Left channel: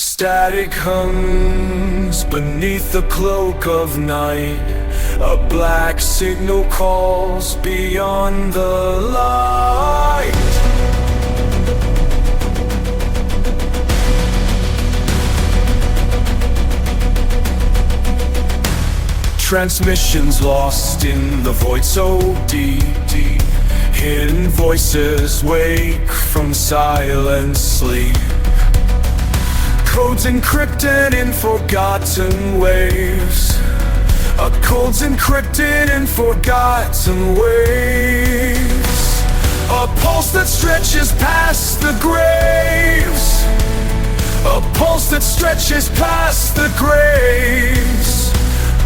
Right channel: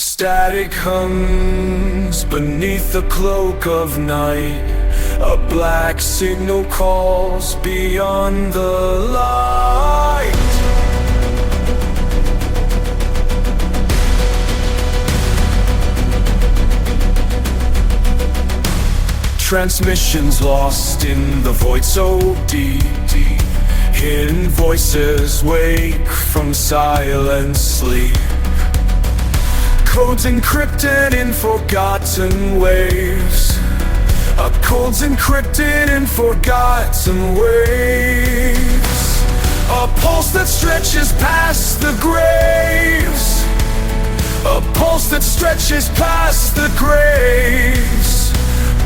Static hums beneath the cloak of night. A black signal calls beyond the light. Transmissions lost in the void so deep. Hidden voices wake from silent sleep. Codes encrypted in forgotten waves. Codes encrypted in forgotten waves. A pulse that stretches past the graves. A pulse that stretches past the graves.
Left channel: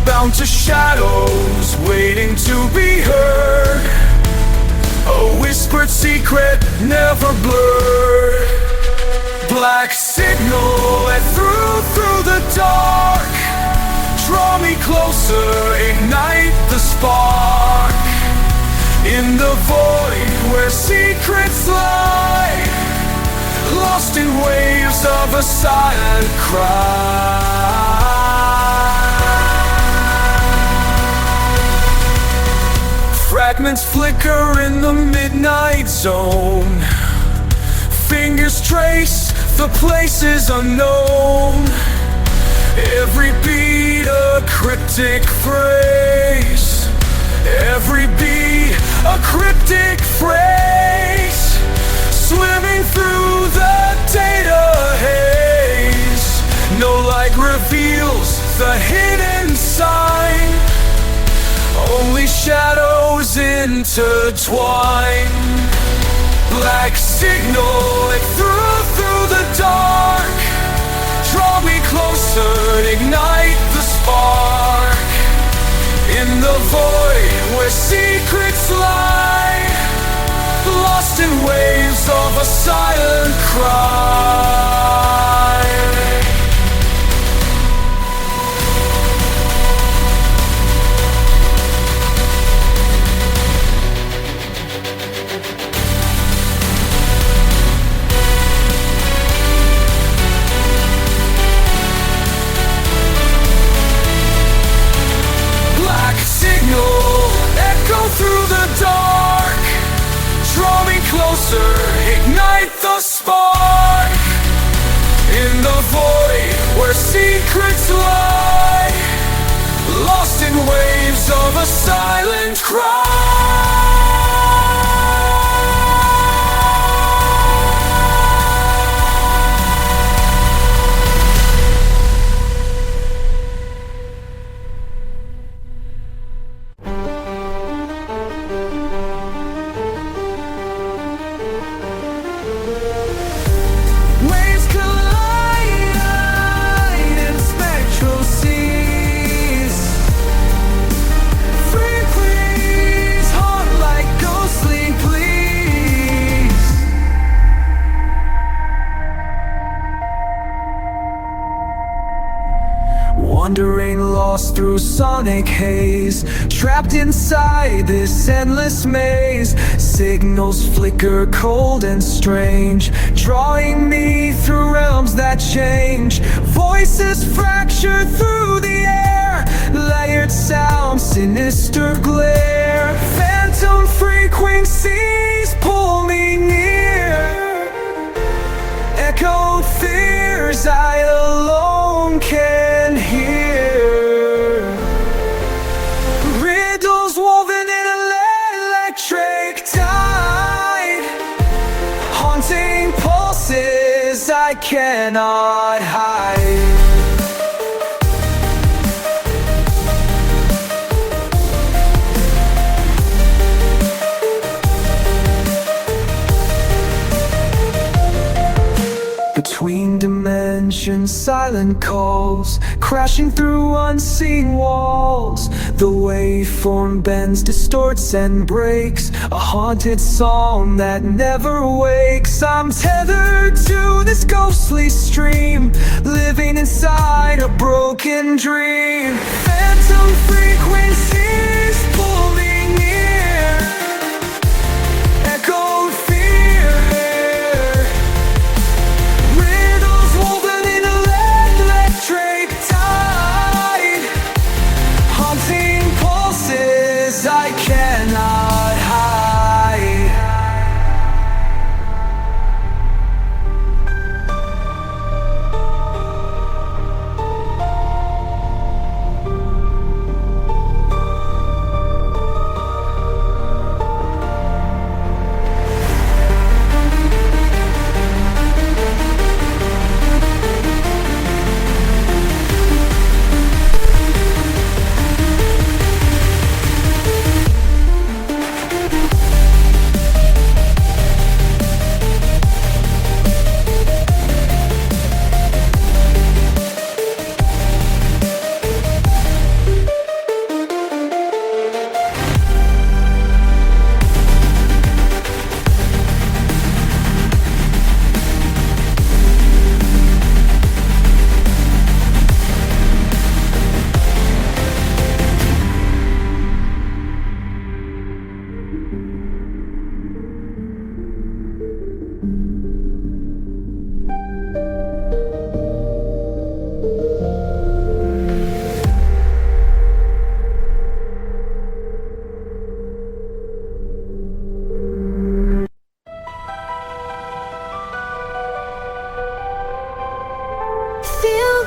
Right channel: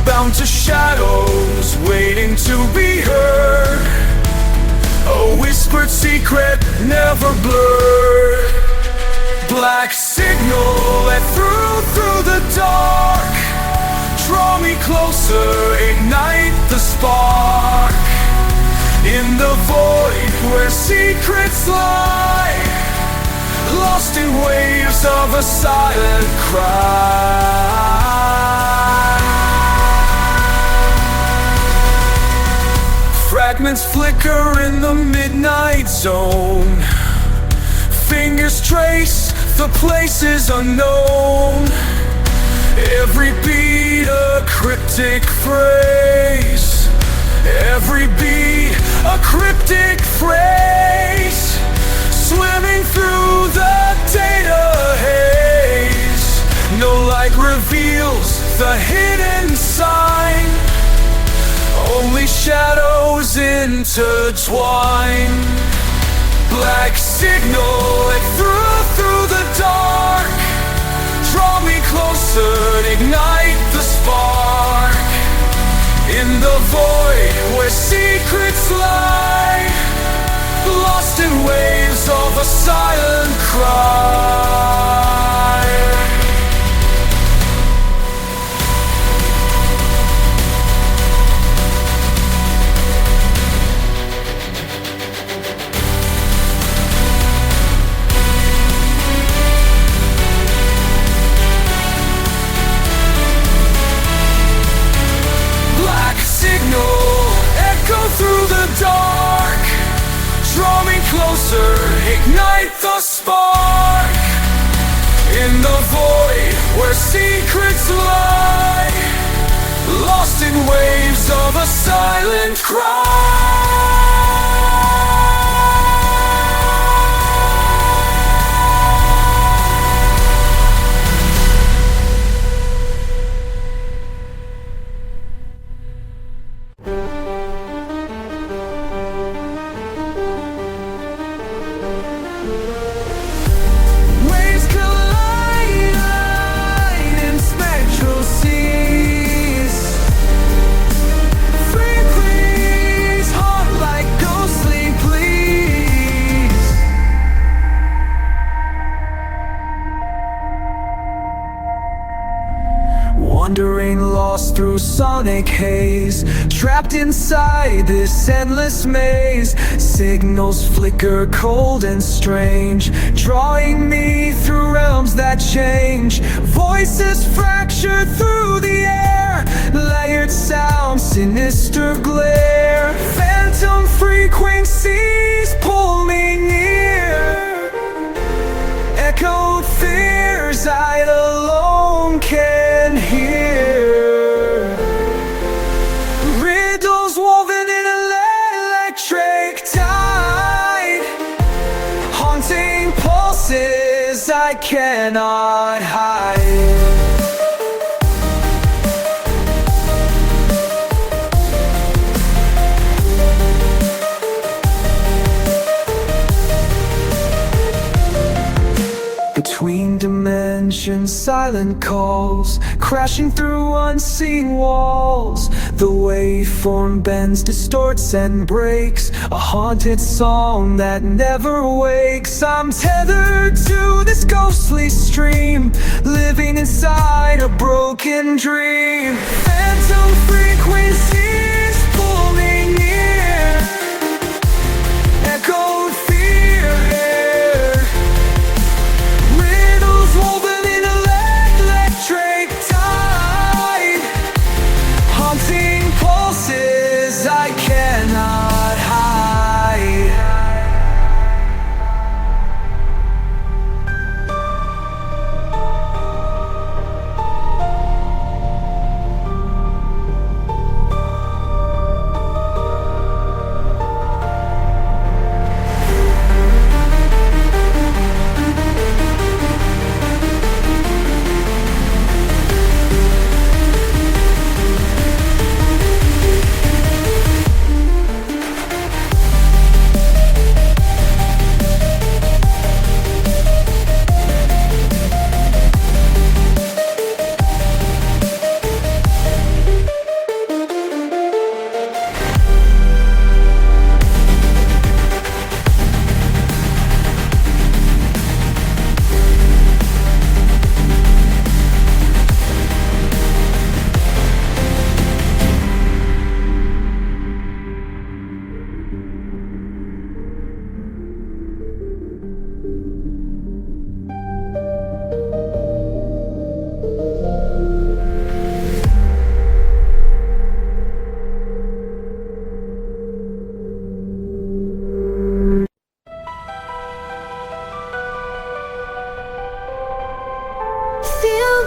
Bound to shadows, waiting to be heard. A whispered secret, never blurred. Black signal that through the dark. Draw me closer, ignite the spark. In the void where secrets lie, lost in waves of a silent cry. Fragments flicker in the midnight zone. Fingers trace the places unknown. Every beat a cryptic phrase. Every beat a cryptic phrase. Swimming through the data haze. No light reveals the hidden sign. Only shadows intertwine. Black signal and through the dark. Draw me closer, ignite the spark. In the void where secrets lie, lost in waves of a silent cry. Echo through the dark. Draw me closer, ignite the spark. In the void where secrets lie, lost in waves of a silent cry. Wandering lost through sonic haze, trapped inside this endless maze. Signals flicker cold and strange, drawing me through realms that change. Voices fracture through the air, layered sound, sinister glare. Phantom frequencies pull me near. Echoed fears I alone can hear. Riddles woven in an electric tide, haunting pulses I cannot hide. Between dimensions, silent calls, crashing through unseen walls. The waveform bends, distorts and breaks, a haunted song that never wakes. I'm tethered to this ghostly stream, living inside a broken dream. Phantom frequencies pull me near, echoed fear. Riddles woven in a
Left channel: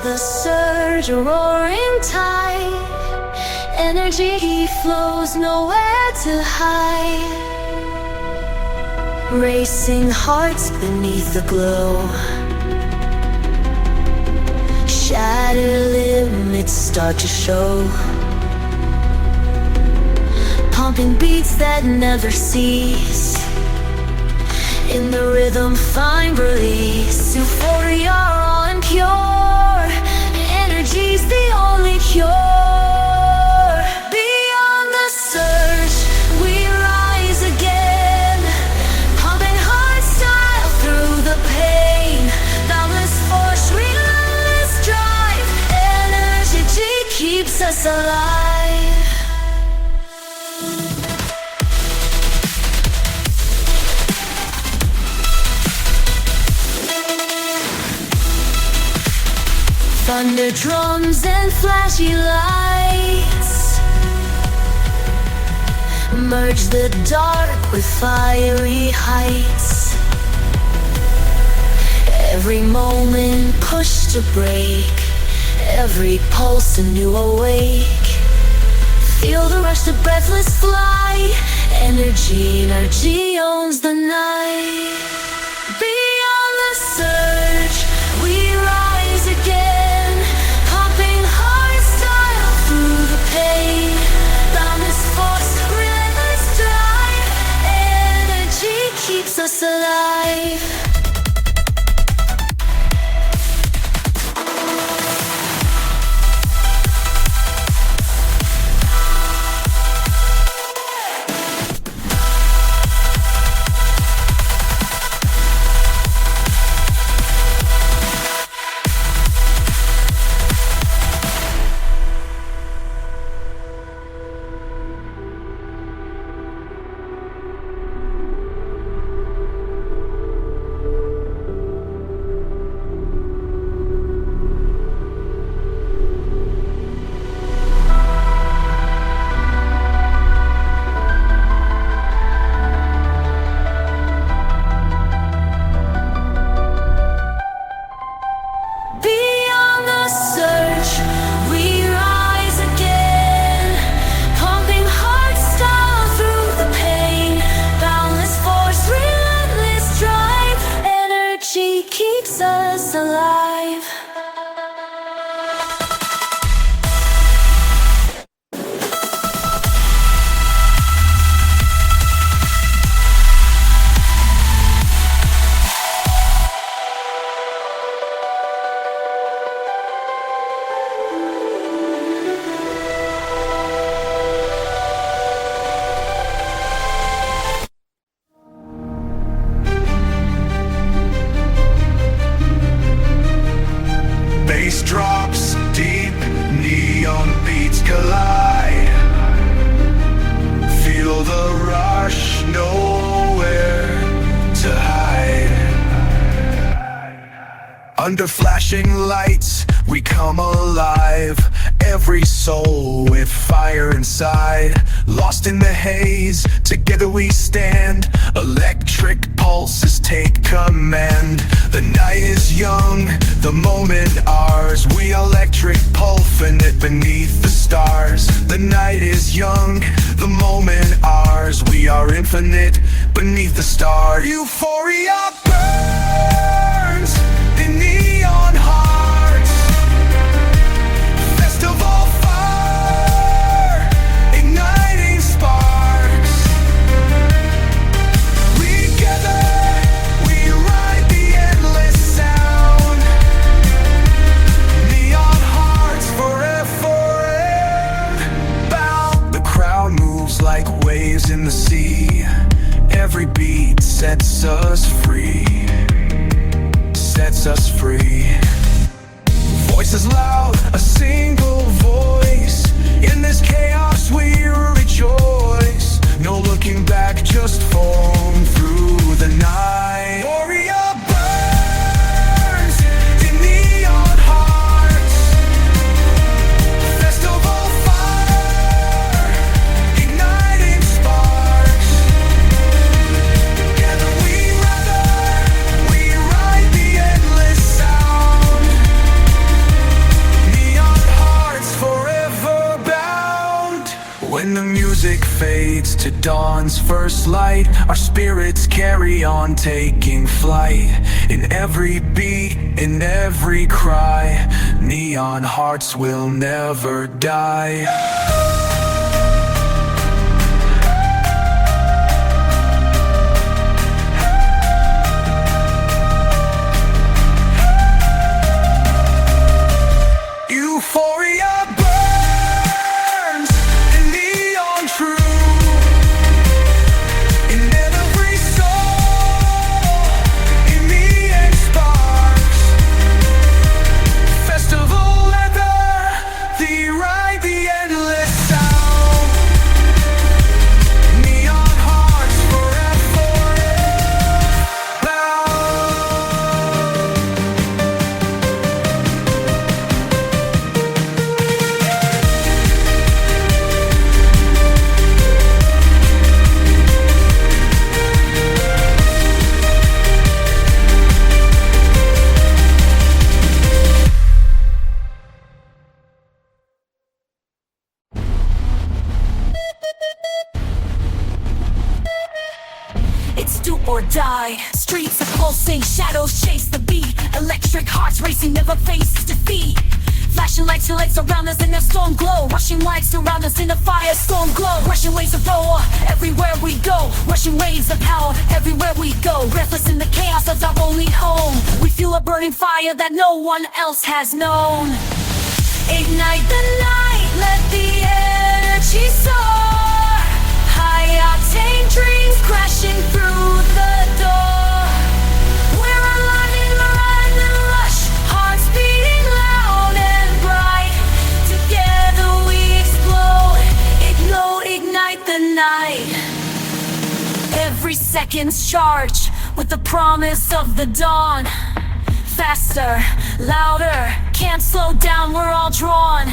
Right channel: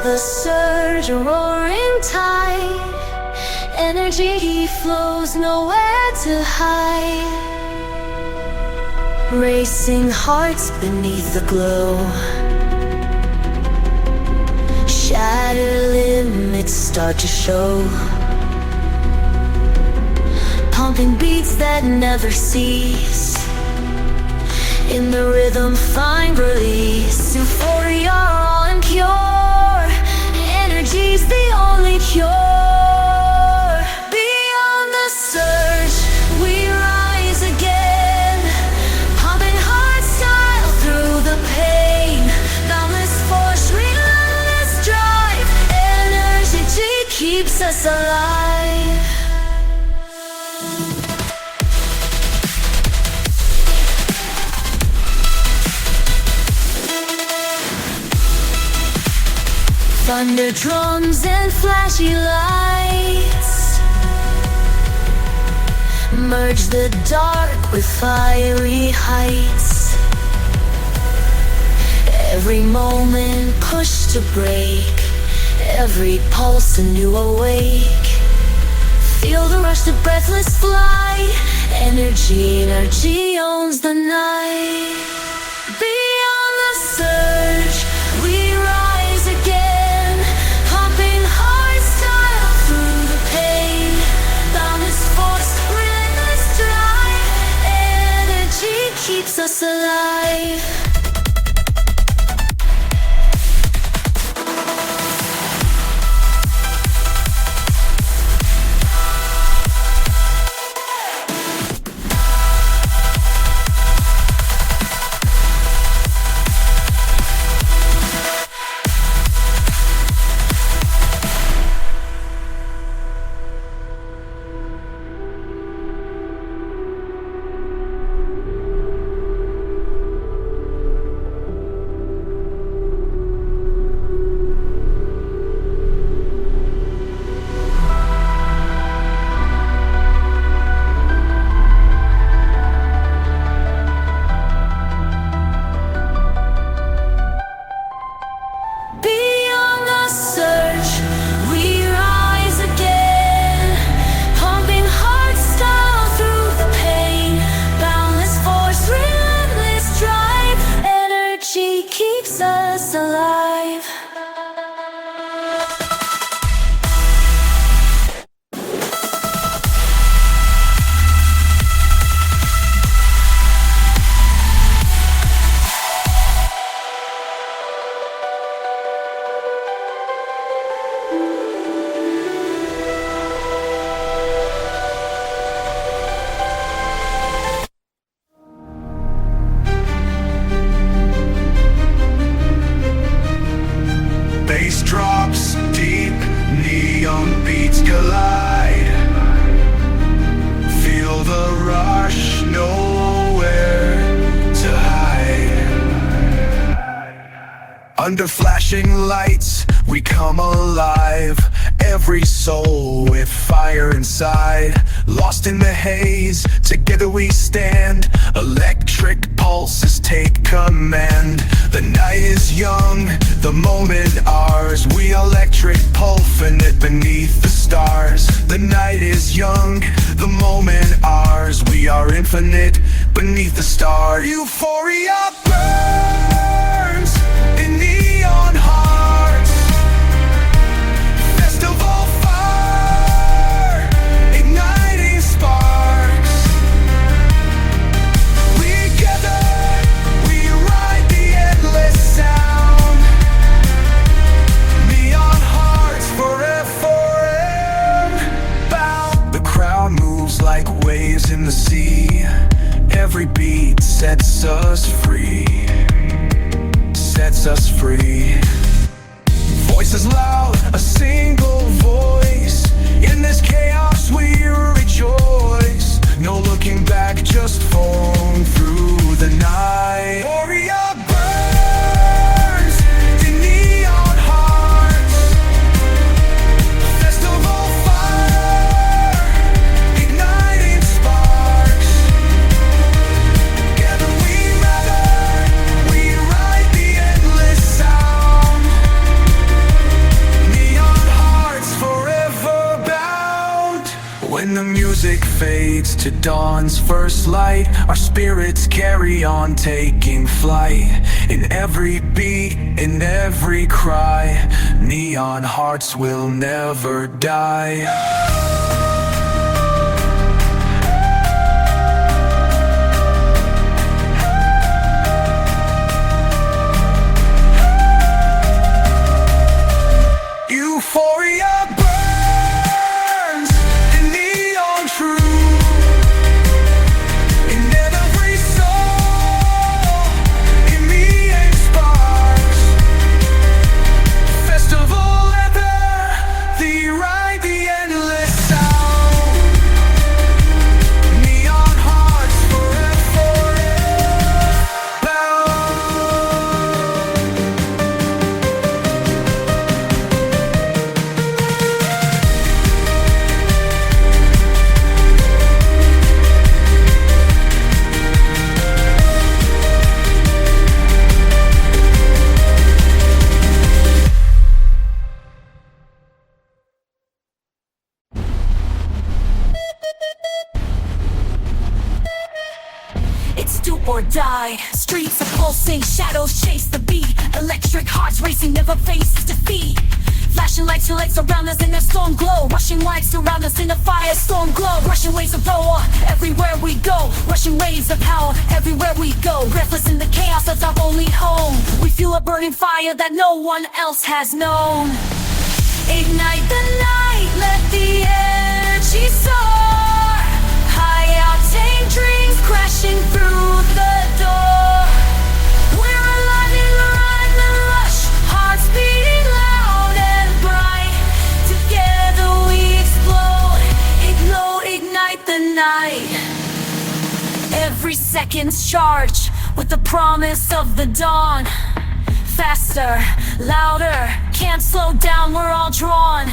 the surge, a roaring tide. Energy flows, nowhere to hide. Racing hearts beneath the glow. Shattered limits start to show. Pumping beats that never cease. In the rhythm find release. Euphoria on cure. Energy's the only cure. Beyond the surge, we rise again. Pumping hardstyle through the pain. Boundless force, relentless drive. Energy keeps us alive. Thunder drums and flashy lights merge the dark with fiery heights. Every moment pushed to break, every pulse a new awake. Feel the rush to breathless flight. Energy owns the night. Beyond the surge, we rise again. Pumping hardstyle through the pain. Boundless force, relentless drive. Energy keeps us alive. Under flashing lights, we come alive. Every soul with fire inside. Lost in the haze, together we stand. Electric pulses take command. The night is young, the moment ours. We electric pulsing it beneath the stars. The night is young, the moment ours. We are infinite beneath the stars. Euphoria burns in neon hearts. Festival fire, igniting sparks. We gather, we ride the endless sound. Neon hearts forever bound. The crowd moves like waves in the sea. Every beat sets us free. to dawn's first light. Our spirits carry on taking flight. In every beat, in every cry, neon hearts will never die. Euphoria burns in neon true. In every soul, in me a sparks. Festival echo, the ride, the endless sound. Neon hearts forever now. It's do or die. Streets are pulsing, shadows chase the beat. Electric hearts racing, never face defeat. Flashing lights, your legs around us in a storm glow. Rushing lights around us in a firestorm glow. Rushing waves of power everywhere we go. Rushing waves of power everywhere we go. Breathless in the chaos of our only home. We feel a burning fire that no one else has known. Ignite the night, let the energy soar. High octane dreams crashing through the door. We're alive in the rhyme, the rush, hearts beating loud and bright. Together we explode, ignite the night. Every second's charged with the promise of the dawn. Faster, louder, can't slow down, we're all drawn.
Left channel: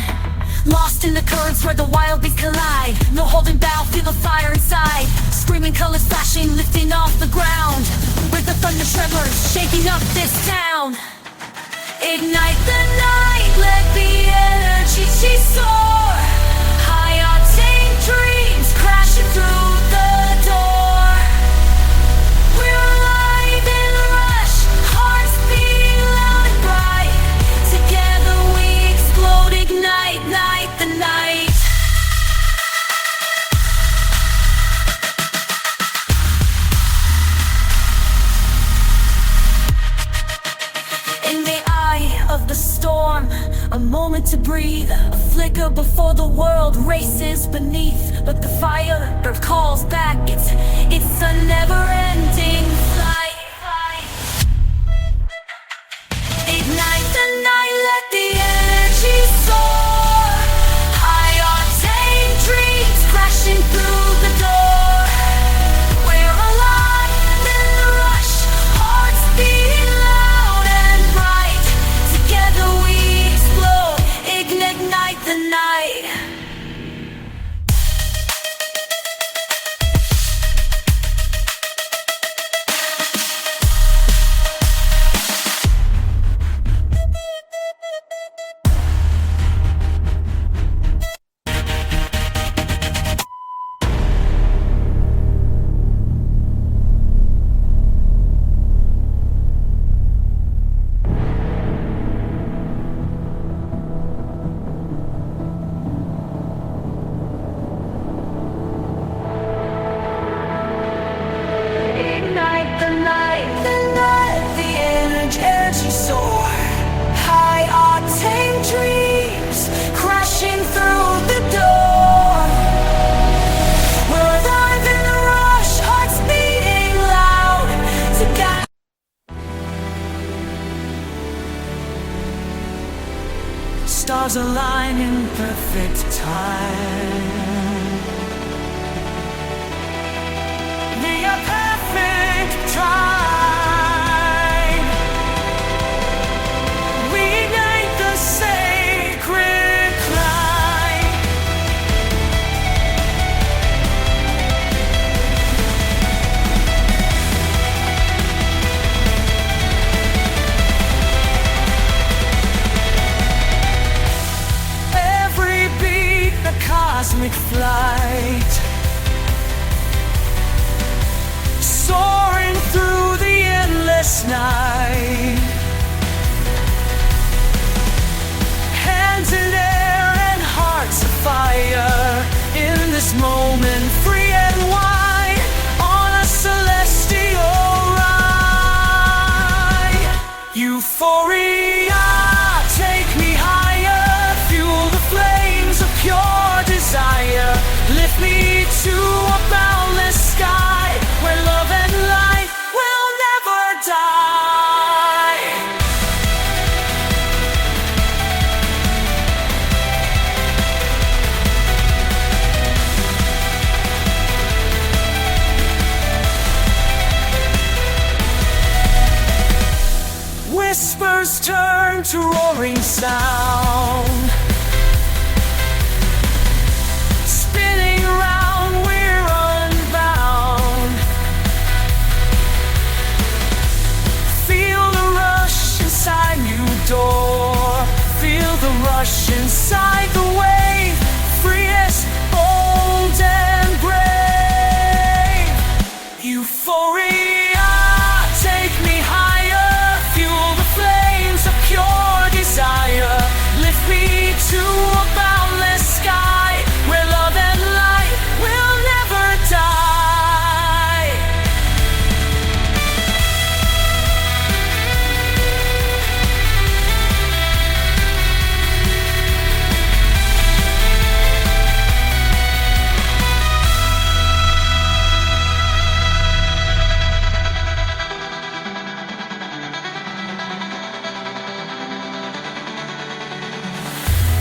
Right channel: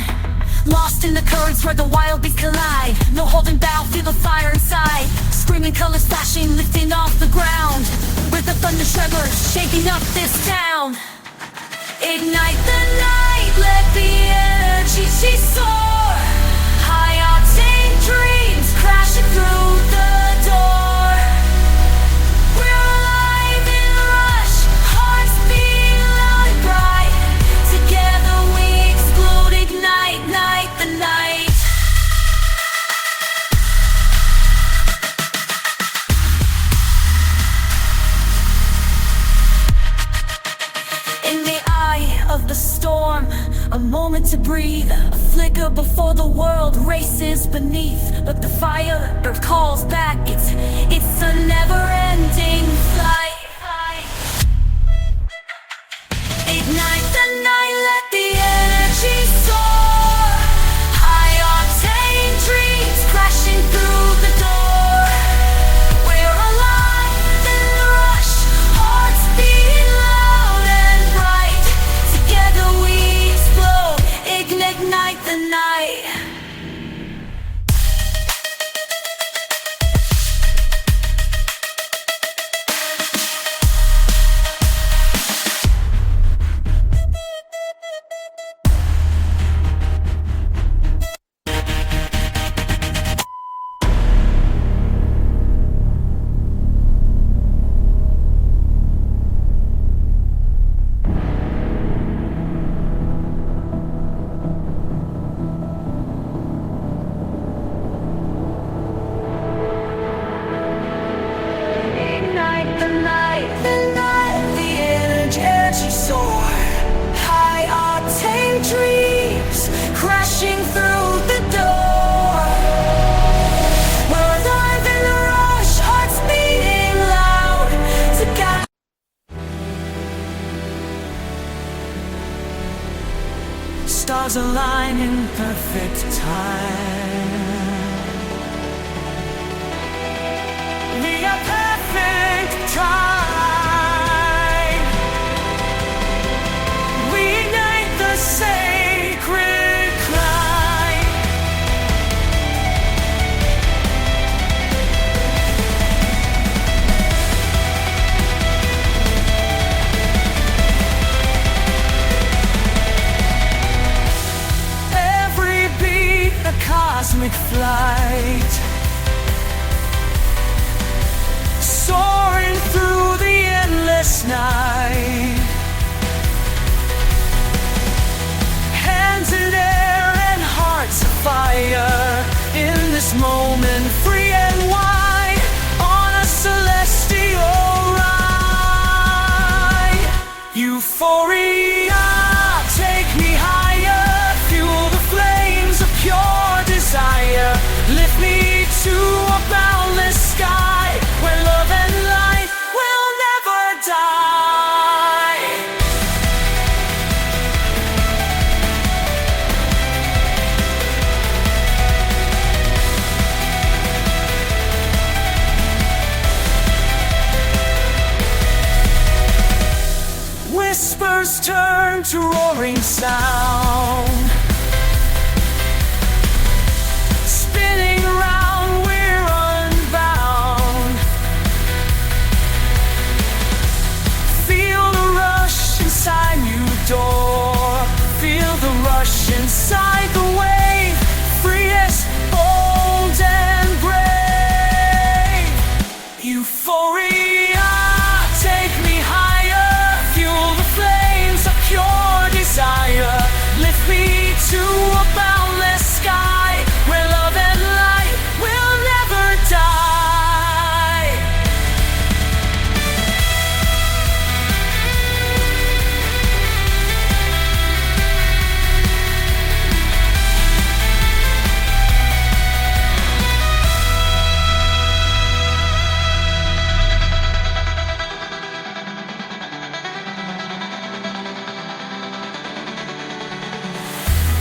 Lost in the currents where the wild beasts collide. No holding back, feel the fire inside. Screaming colors flashing, lifting off the ground. With the thunder tremors, shaking up this town. Ignite the night, let the energy soar. High octane dreams crashing through the door. We're alive in a rush, hearts beating loud and bright. Together we explode, ignite the night. In the eye of the storm, a moment to breathe, a flicker before the world races beneath. But the fire calls back, it's a never-ending flight. Ignite the night, let the energy soar. High octane dreams crashing through the door. We're alive in the rush, hearts beating loud and bright. Together we explode, ignite the night. Ignite the night, the energy soar. High octane dreams crashing through the door. We're alive in a rush, hearts beating loud. Together. Stars align in perfect time. We are perfect time. We ignite the sacred climb. Every beat a cosmic flight. endless night. Hands in air and hearts afire, in this moment free and wide, on a celestial ride. Euphoria, take me higher, fuel the flames of pure desire. Lift me to a boundless sky, where love and light will never die. Whispers turn to roaring sound, spinning round, we're unbound. Feel the rush inside you door, feel the rush inside the wave, free as bold and brave. Euphoria, take me higher, fuel the flames of pure desire. Lift me to a boundless sky, where love and light will never die.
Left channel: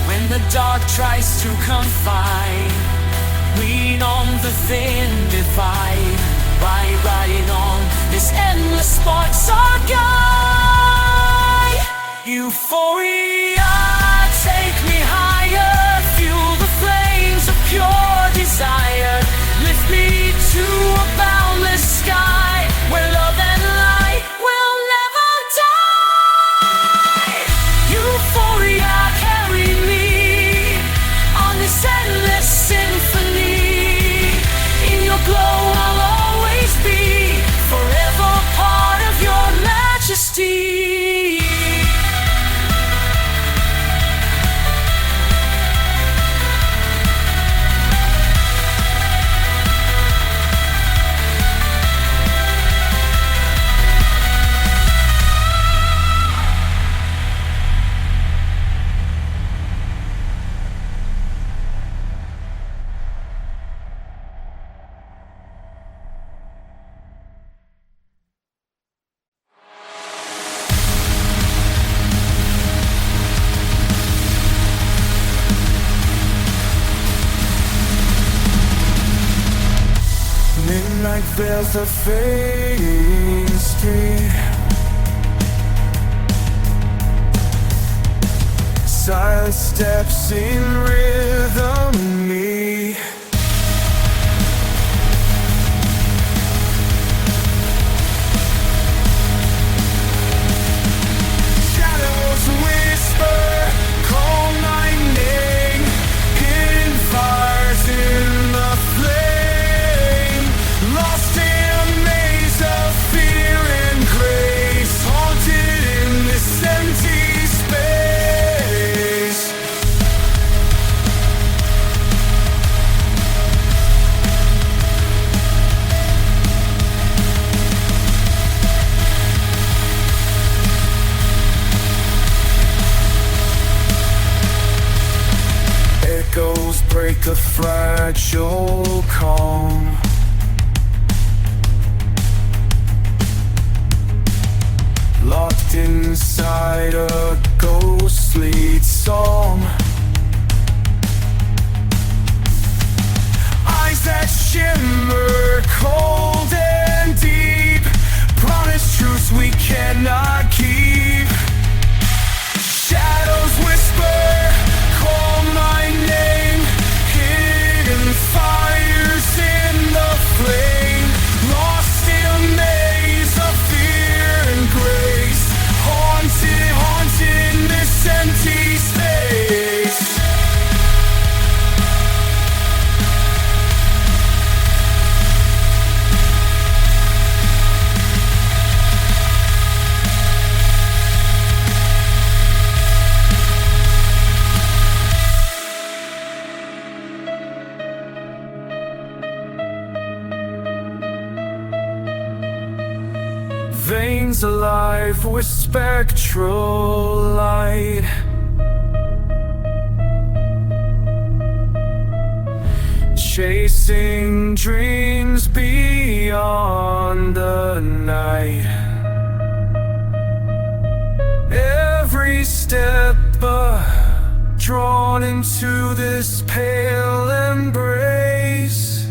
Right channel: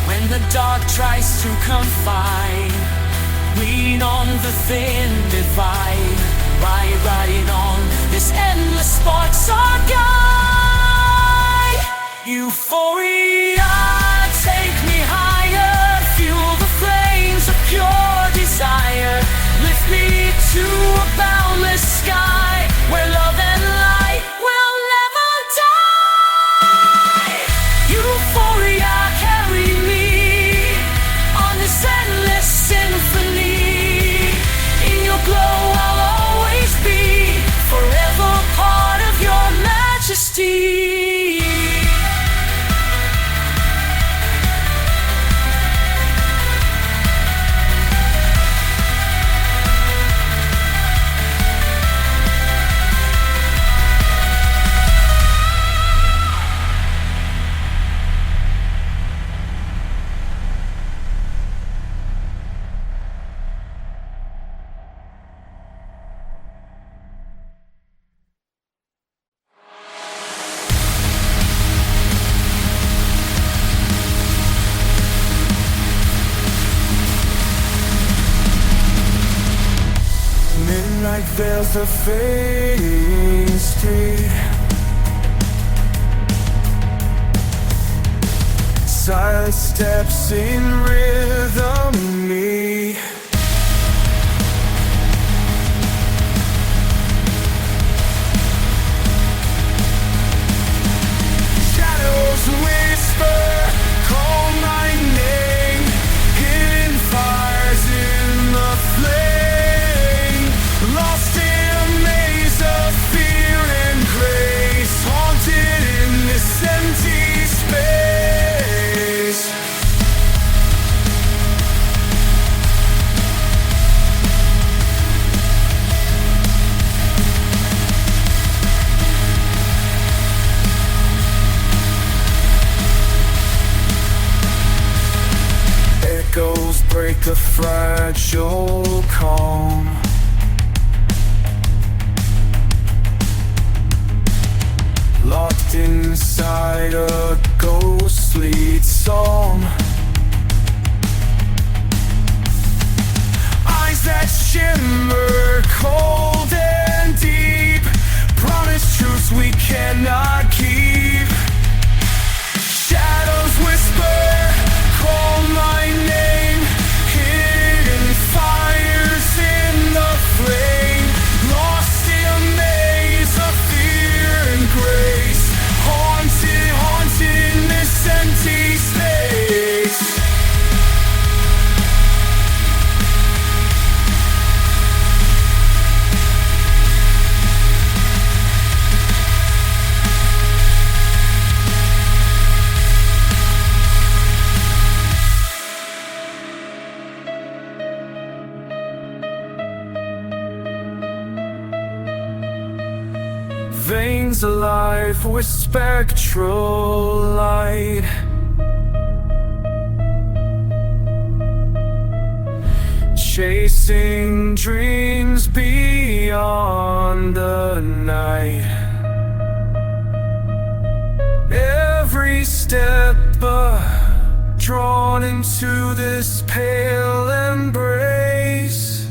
When the dark tries to confine, lean on the thin divide. Ride on, this endless sparks our guide. Euphoria, take me higher, fuel the flames of pure desire. Lift me to a boundless sky, where love and light will never die. Euphoria, carry me on this endless symphony. In your glow I'll always be, forever part of your majesty. Midnight veils the fading street, silent steps in rhythm me. Shadows whisper, call my name, hidden fires in the flame, lost in a maze of fear and grace, haunted in this empty space. Echoes break the fragile calm, locked inside a ghostly song. Eyes that shimmer cold and deep, promise truths we cannot keep. Shadows whisper, call my name, hidden fires in the flame, lost in a maze of fear and grace, haunted in this empty life with spectral light. Chasing dreams beyond the night. Every step drawn into this pale embrace.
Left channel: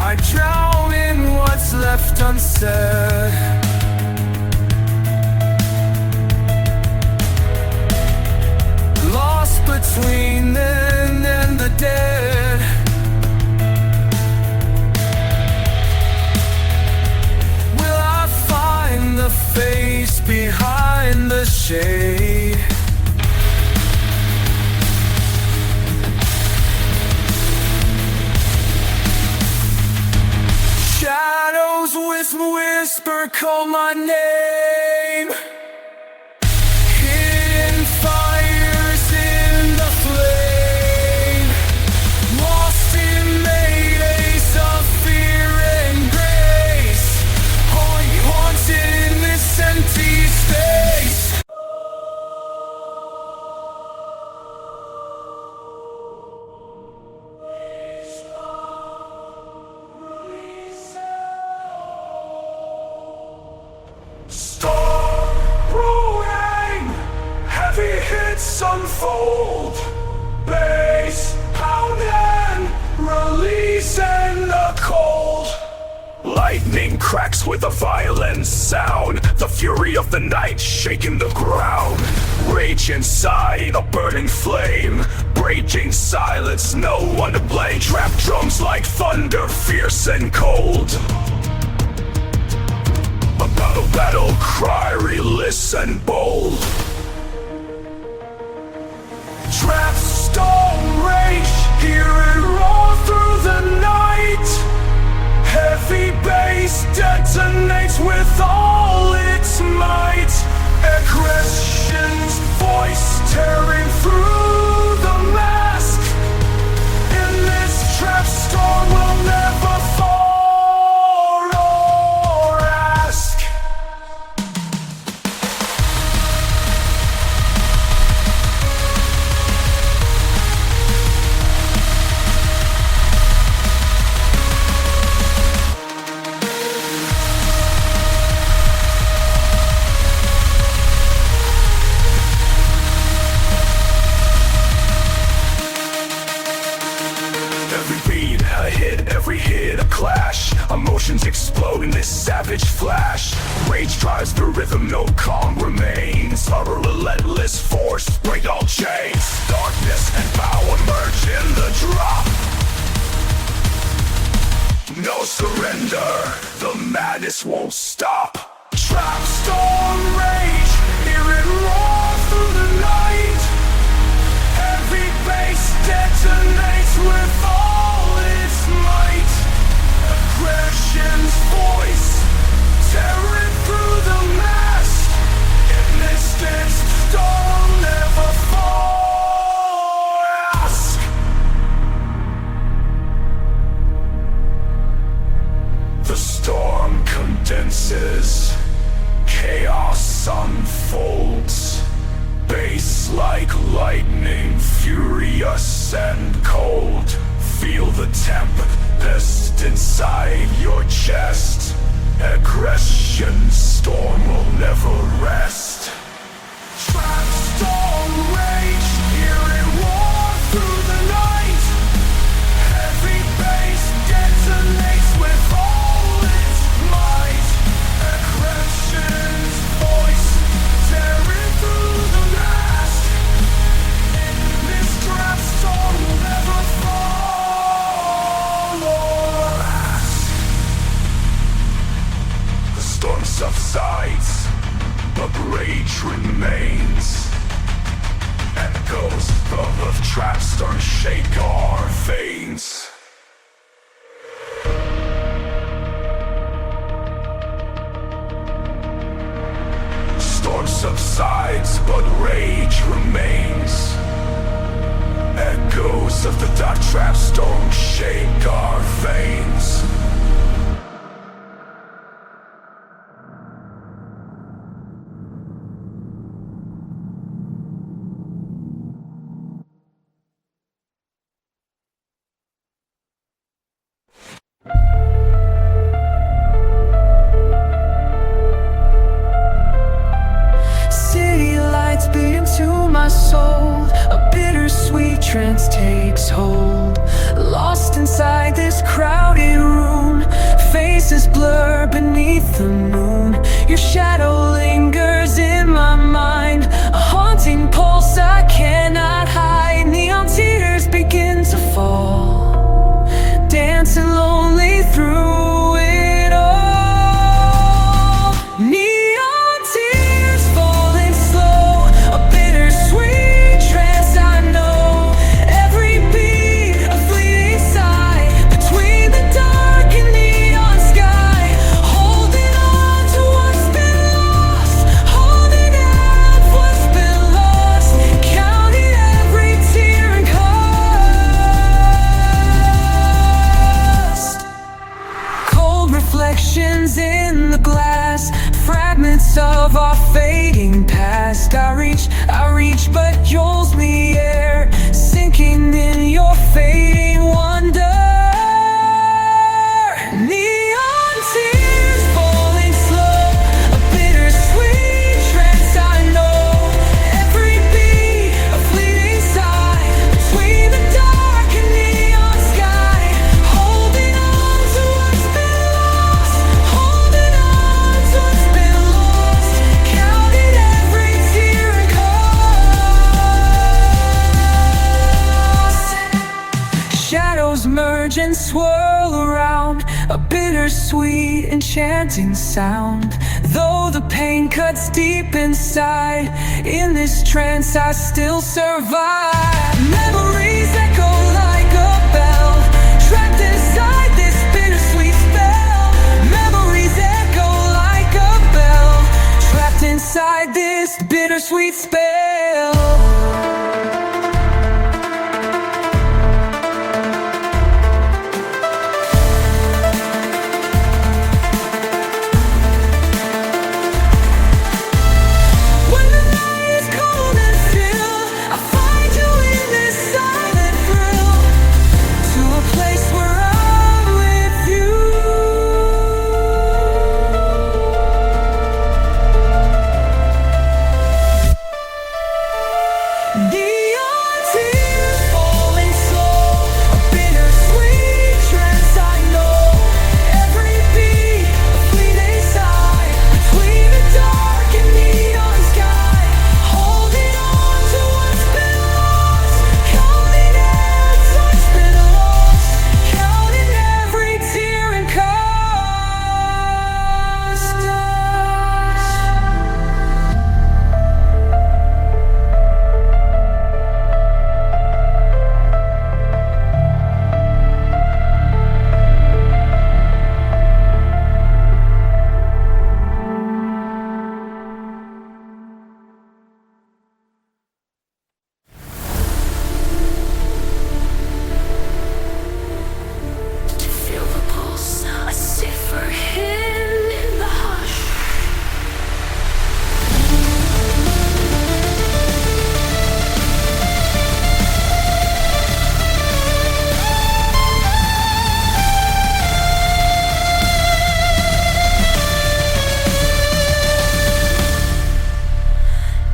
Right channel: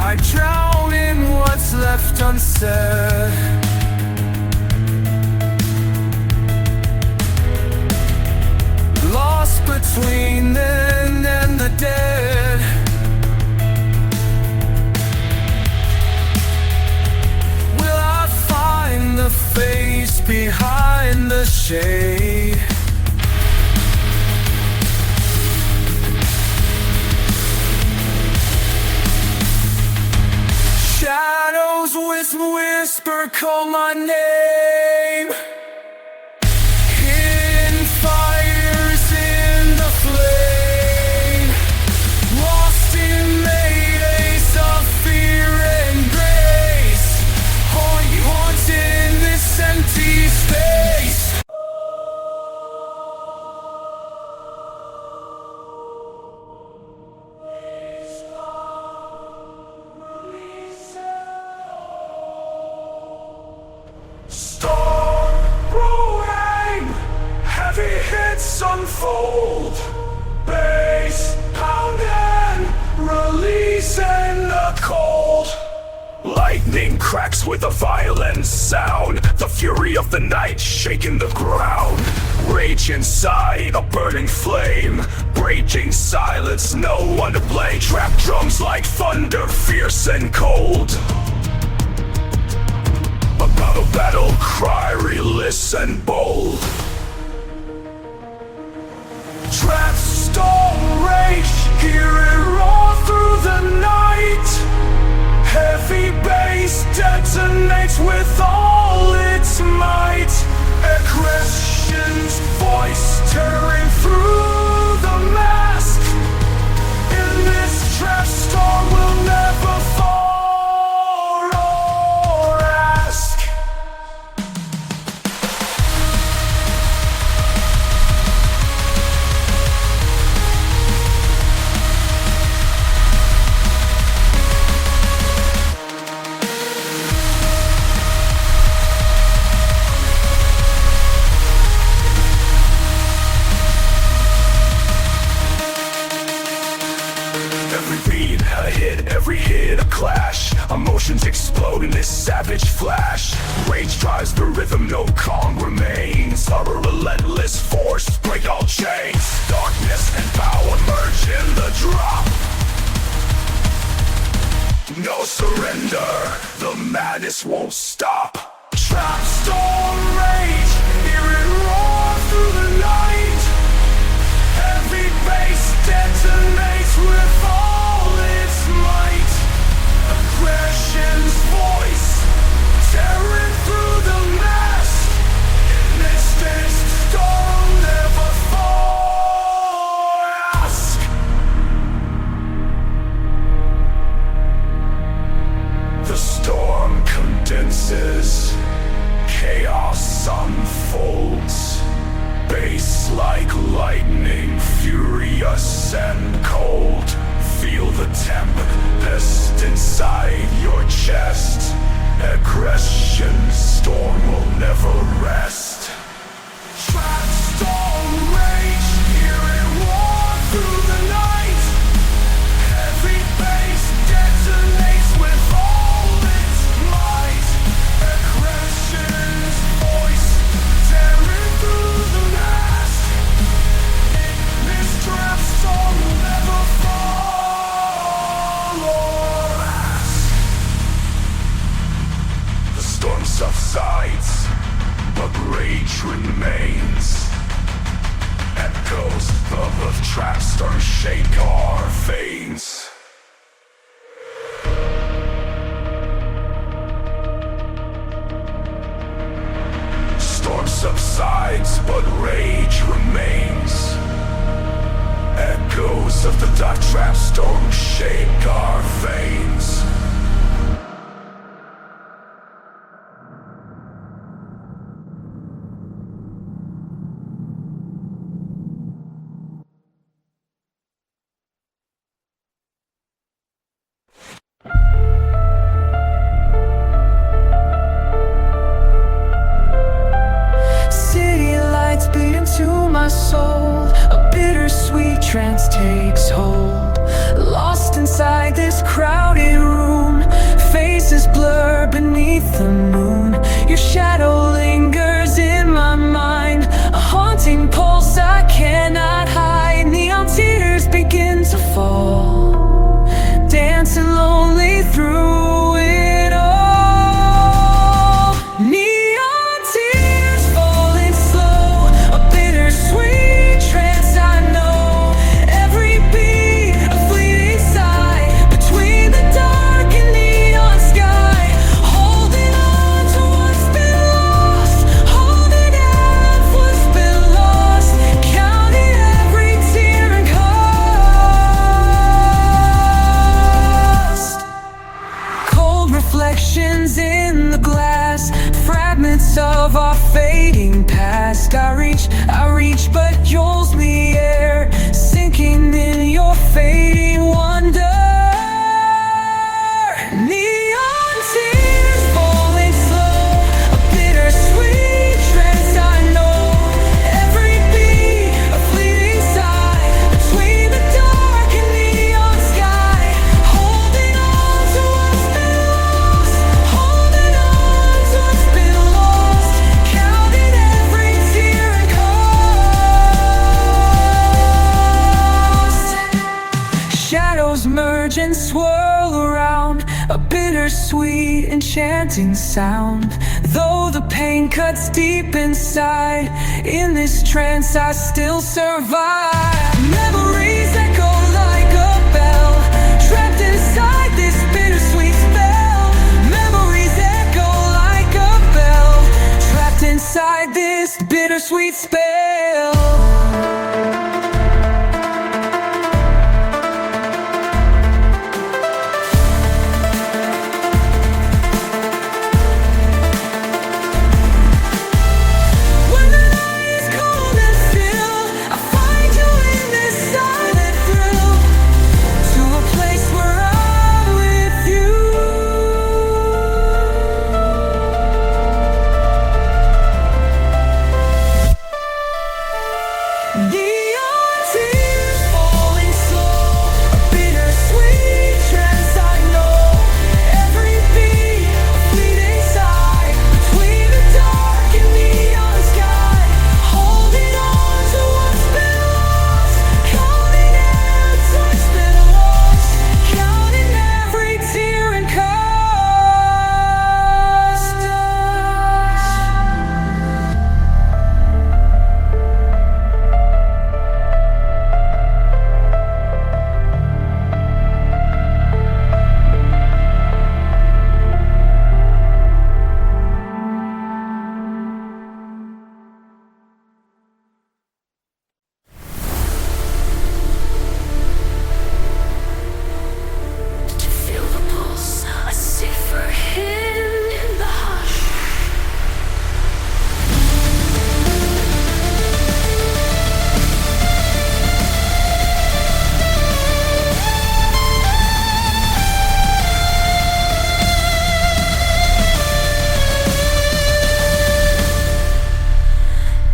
I drown in what's left unsaid. Lost between then and the dead. Will I find the face behind the shade? Shadows with whisper call my name. Hidden fires in the flame. Lost in maydays of fear and grace. Holy haunted in this empty space. Storm brewing, heavy hits unfold. Bass pounding, releasing the cold. Lightning cracks with a violent sound. The fury of the night shaking the ground. Rage inside, a burning flame. Raging silence, no one to blame. Trap drums like thunder, fierce and cold. A battle cry, relentless and bold. Trapstorm Rage, hear it roar through the night. Heavy bass detonates with all its might. Aggression's voice tearing through the mask. In this trap storm will never fall or ask. Every hit a clash, emotions explode in this savage flash. Rage drives the rhythm, no calm remains. A relentless force, break all chains. Darkness and power merge in the drop. No surrender, the madness won't stop. Trapstorm Rage, hear it roar through the night. Every bass detonates with all its might. Aggression's voice tearing through the mask. In this storm never fall or ask. The storm condenses, chaos unfolds. Bass like lightning, furious and cold. Feel the tempest inside your chest. Aggression's storm will never rest. Trapstorm Rage, hear it roar through the night. Heavy bass detonates with all its might. Aggression's voice tearing through the mask. This trap storm will never fall or ask. The storm subsides, but rage remains. Echoes of Trapstorm shake our veins. Storm subsides, but rage remains. Echoes of the dark Trapstorm shake our veins. my soul. A bittersweet trance takes hold. Lost inside this crowded room, faces blur beneath the moon. Your shadow lingers in my mind, a haunting pulse I cannot hide. Neon tears begin to fall, dancing lonely through it all. Neon tears falling slow, a bittersweet trance I know. Every beat a fleeting sigh, between the dark and neon sky. Holding on to what's been lost, holding on to what's been lost. Counting every tear and cost. Cold reflections in the glass, fragments of our fading past. I reach, but yours me air, sinking in your fading wonder. Neon tears falling slow, a bittersweet trance I know. Every beat a fleeting sigh, between the dark and neon sky. Holding on to what's been lost, holding on to what's been lost. Counting every tear and cost. Shadows merge and swirl around, a bittersweet enchanting sound. Though the pain cuts deep inside, in this trance I still survive. Memories echo like a bell, trapped inside this bittersweet spell. Memories echo like a bell, trapped inside this bittersweet spell. When the night is cold and still, I find you in this silent thrill, to a place where I'm with you. Neon tears falling slow, a bittersweet trance I know. Every beat a fleeting sigh, between the dark and neon sky. Holding on to what's been lost, counting every what's been lost. Counting every tear and cost. To feel the pulse, a cipher hidden in the hush.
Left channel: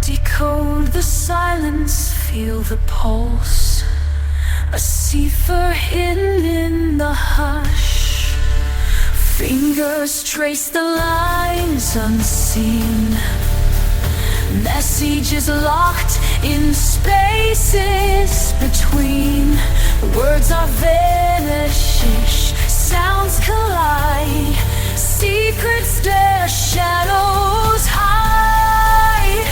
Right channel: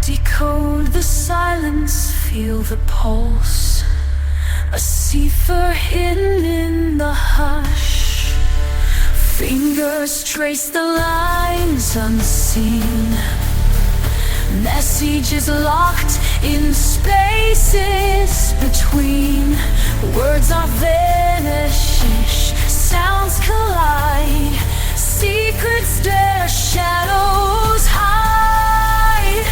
Decode the silence, feel the pulse. A cipher hidden in the hush. Fingers trace the lines unseen. Messages locked in spaces between. Words are vanishish, sounds collide. Secrets stare, shadows hide.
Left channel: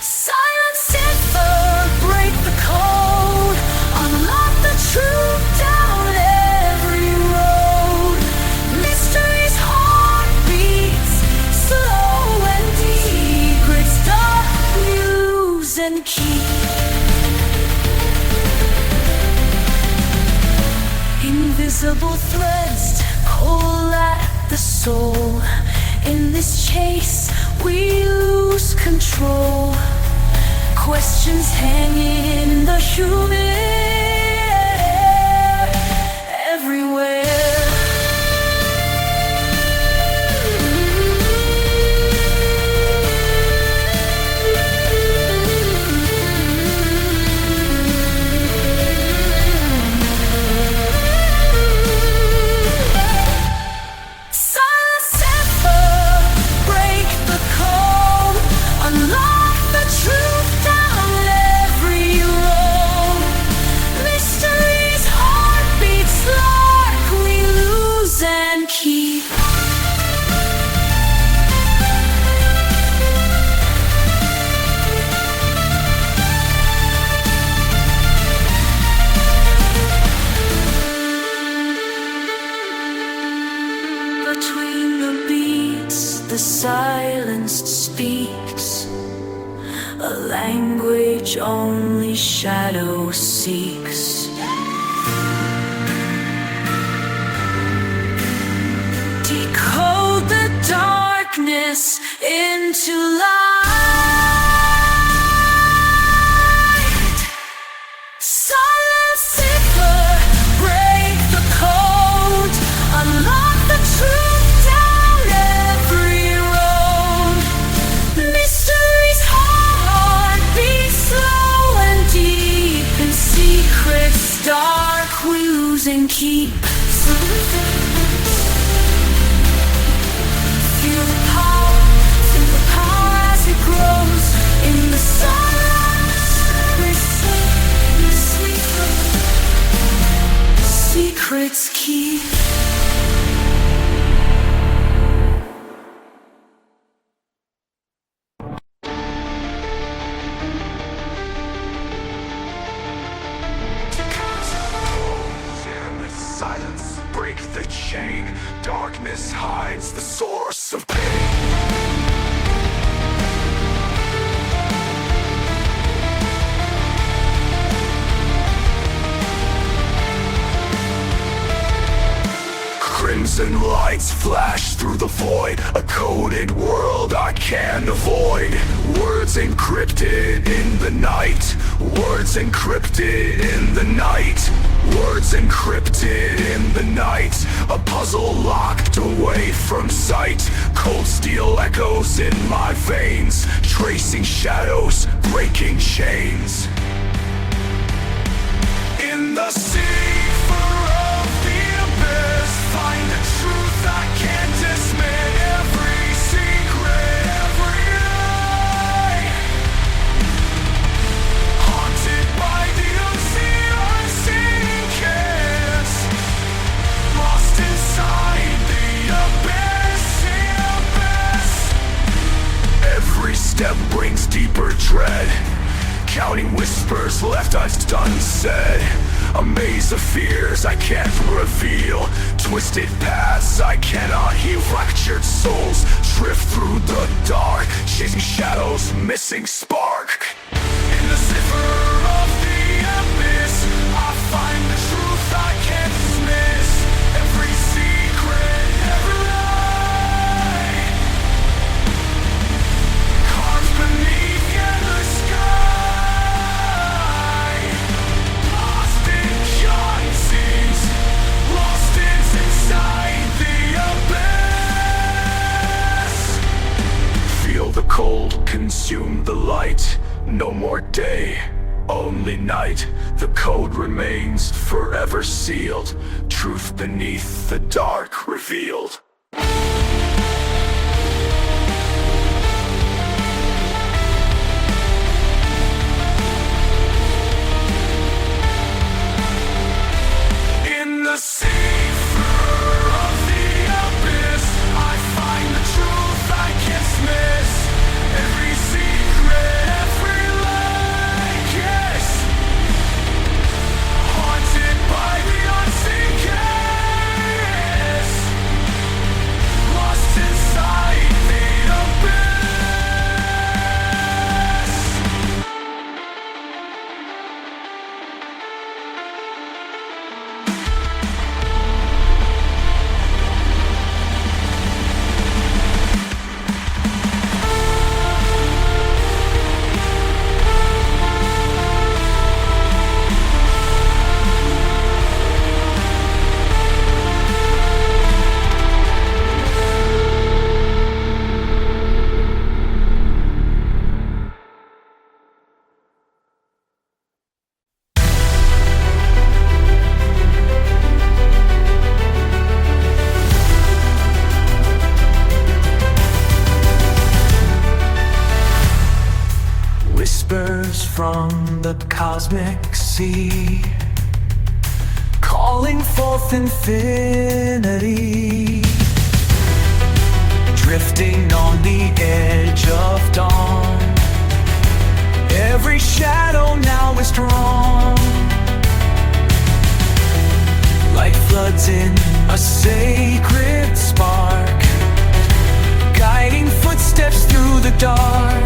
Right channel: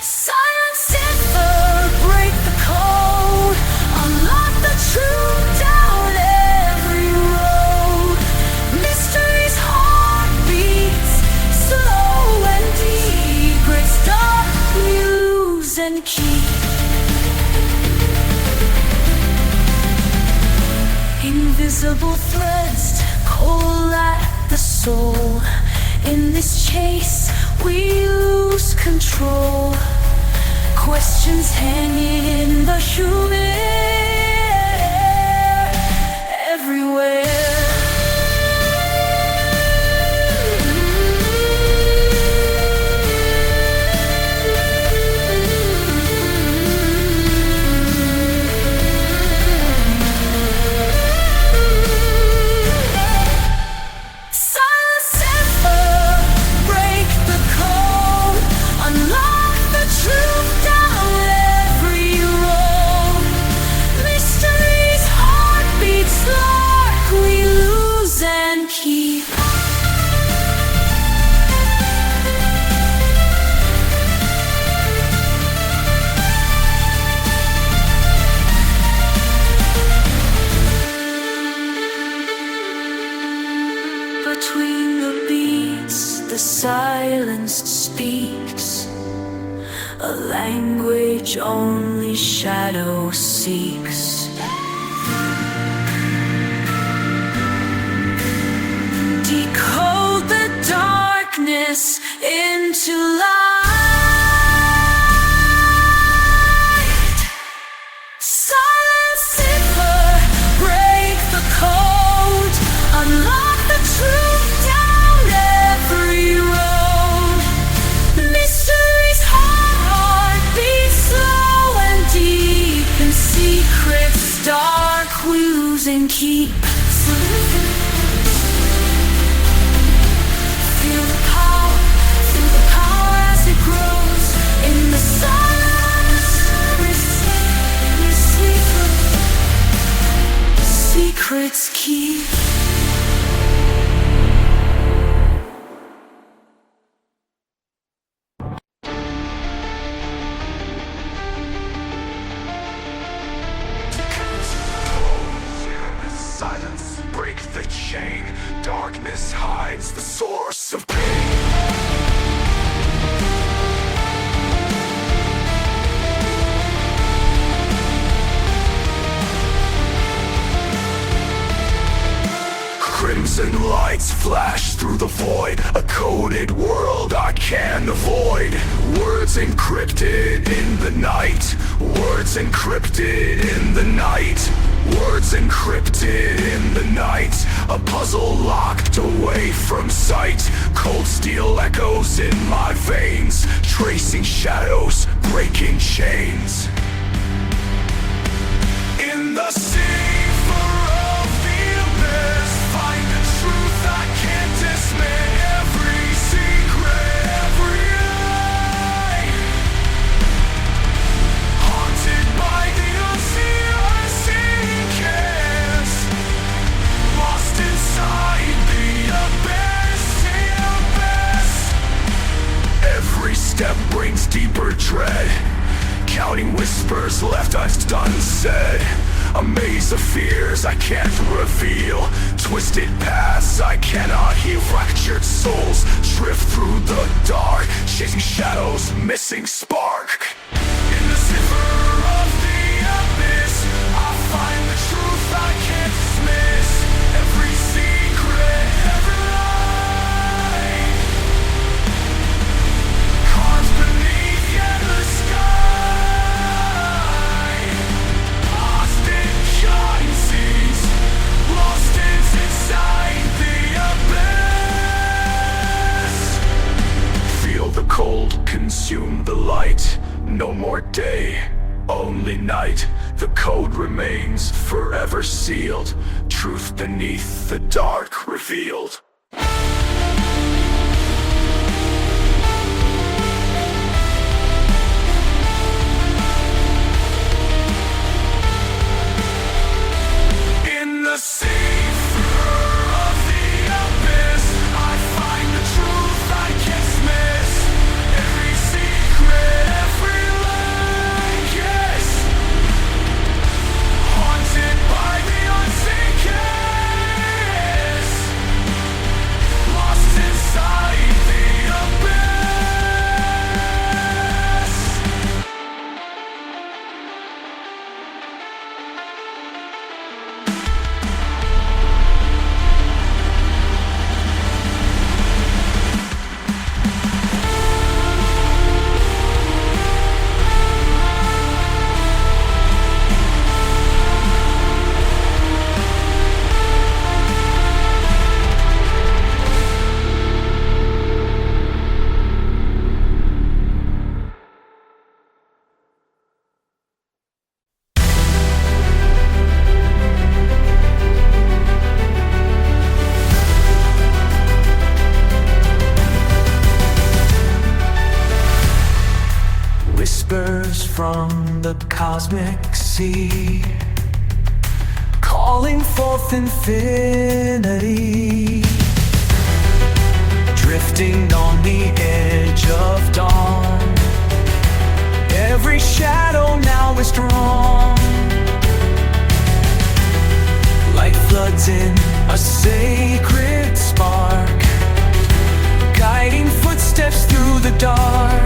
Silent cipher, break the code. Unlock the truth down every road. Mystery's heartbeats, slow and deep. It's dark, use and keep. Invisible threads pull at the soul. In this chase, we lose control. Questions hanging in the human air, everywhere. a language only shadow seeks. Decode the darkness into light. Silent Cipher, break the code, unlock the truth down every road. Mystery's heart beats slow and deep, and secrets dark clues and keep. Feel the power as it grows in the silence. Secrets keep. Silence, break the chain. Darkness hides the source of pain. Crimson lights flash through the void, a coded world I can't avoid. Words encrypted in the night, words encrypted in the night. Words encrypted in the night, a puzzle locked away from sight. Cold steel echoes in my veins, tracing shadows, breaking chains. In the cipher of the abyss, find the truth I can't dismiss. Every secret, every lie, haunted by the unseen. Lost inside the abyss. Every step brings deeper dread, counting whispers left unsaid. A maze of fears I can't reveal, twisted paths I cannot heal. Fractured souls drift through the dark, chasing shadows, missing spark. In the cipher of the abyss, I find the truth I can't dismiss. Every secret, every lie, carved beneath the endless sky. Lost in shine scenes, lost inside the abyss. Feel the cold consume the light. No more day, only night. The code remains forever sealed, truth beneath the dark revealed. In the cipher of the abyss, I find the truth I can't miss. Every secret, every lie, yes, haunted by the unseen kiss. Lost inside the abyss. Whispers from the cosmic sea, calling forth infinity, drifting on the edge of dawn. Every shadow now is drawn, light floods in a sacred spark, guiding footsteps through the dark.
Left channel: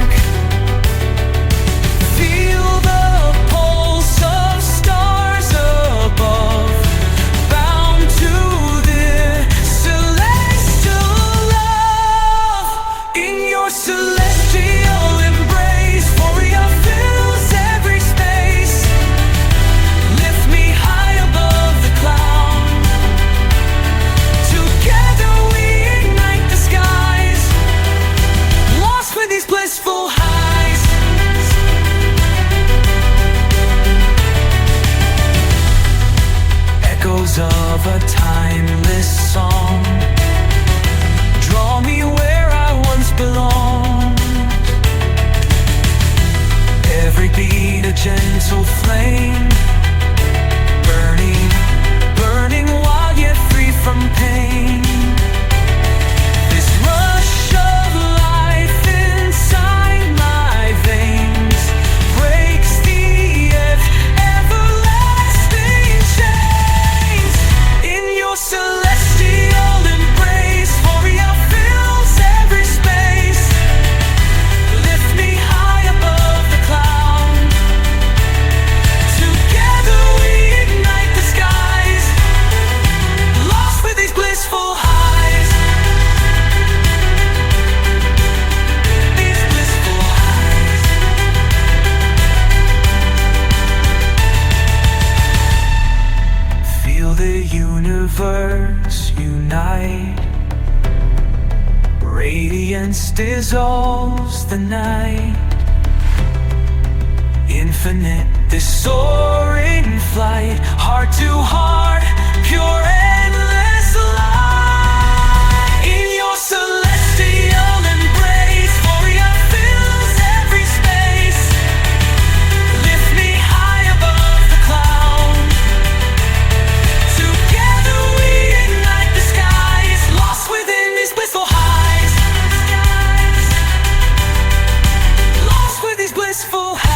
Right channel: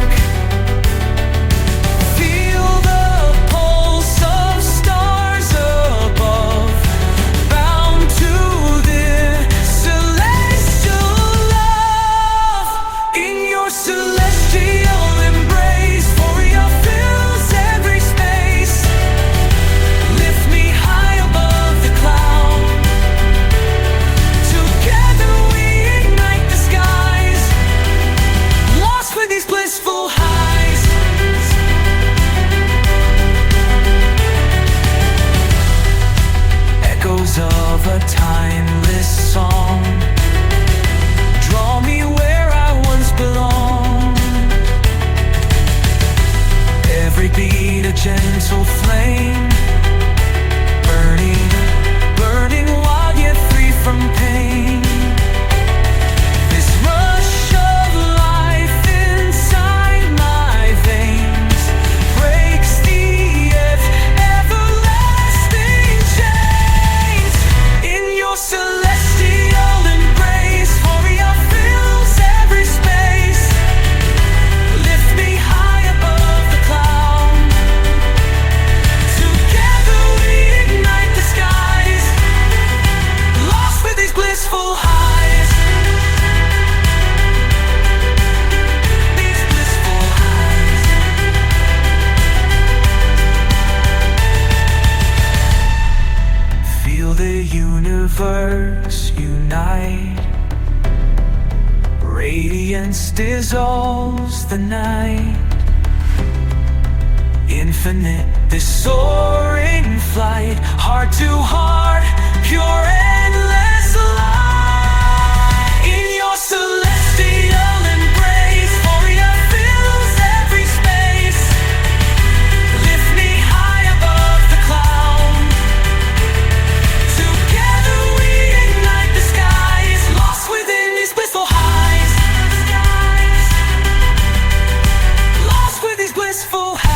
dissolves the night. Infinite, this soaring flight, heart to heart, pure endless light. In your celestial embrace, Euphoria fills every space. Lift me high above the cloud. Together we ignite the skies, lost within these blissful highs. Lost with these blissful highs.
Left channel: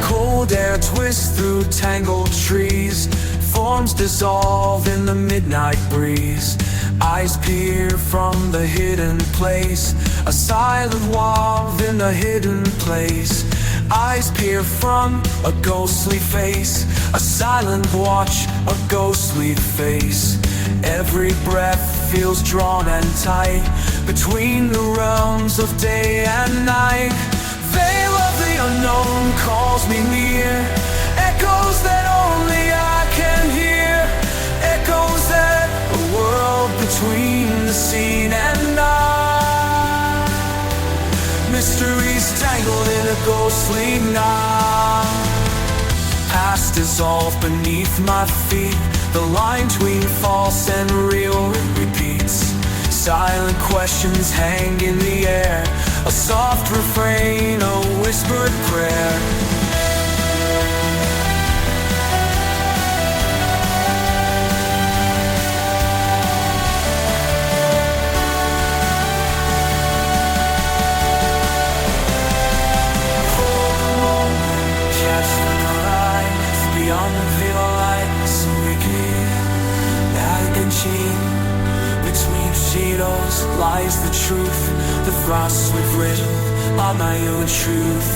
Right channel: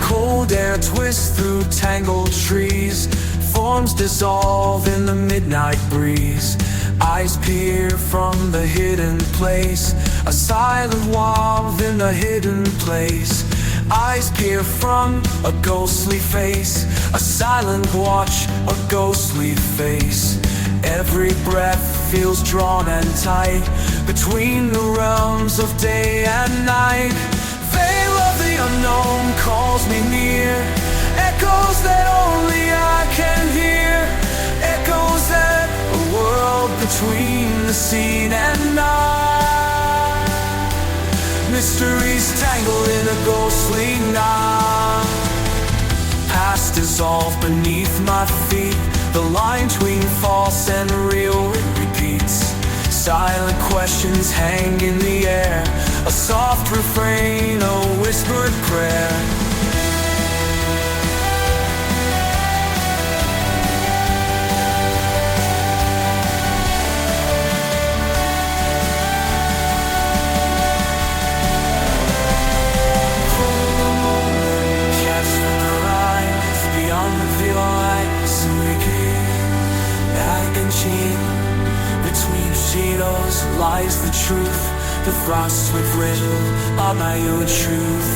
Cold air twists through tangled trees, forms dissolve in the midnight breeze. Eyes peer from the hidden place, a silent wolf in a hidden place. Eyes peer from a ghostly face, a silent watch, a ghostly face. Every breath feels drawn and tight between the realms of day and night. Veil of the unknown calls me near, echoes that only I can hear, echoes that a world between the seen and not. Mysteries tangled in a ghostly knot. Past dissolved beneath my feet, the line between false and real repeats. Silent questions hang in the air, a soft refrain, a whispered prayer. Just rise beyond the veil lights awaken. Chain between shadows lies the truth. The frost with rhythm, I'll know you a truth.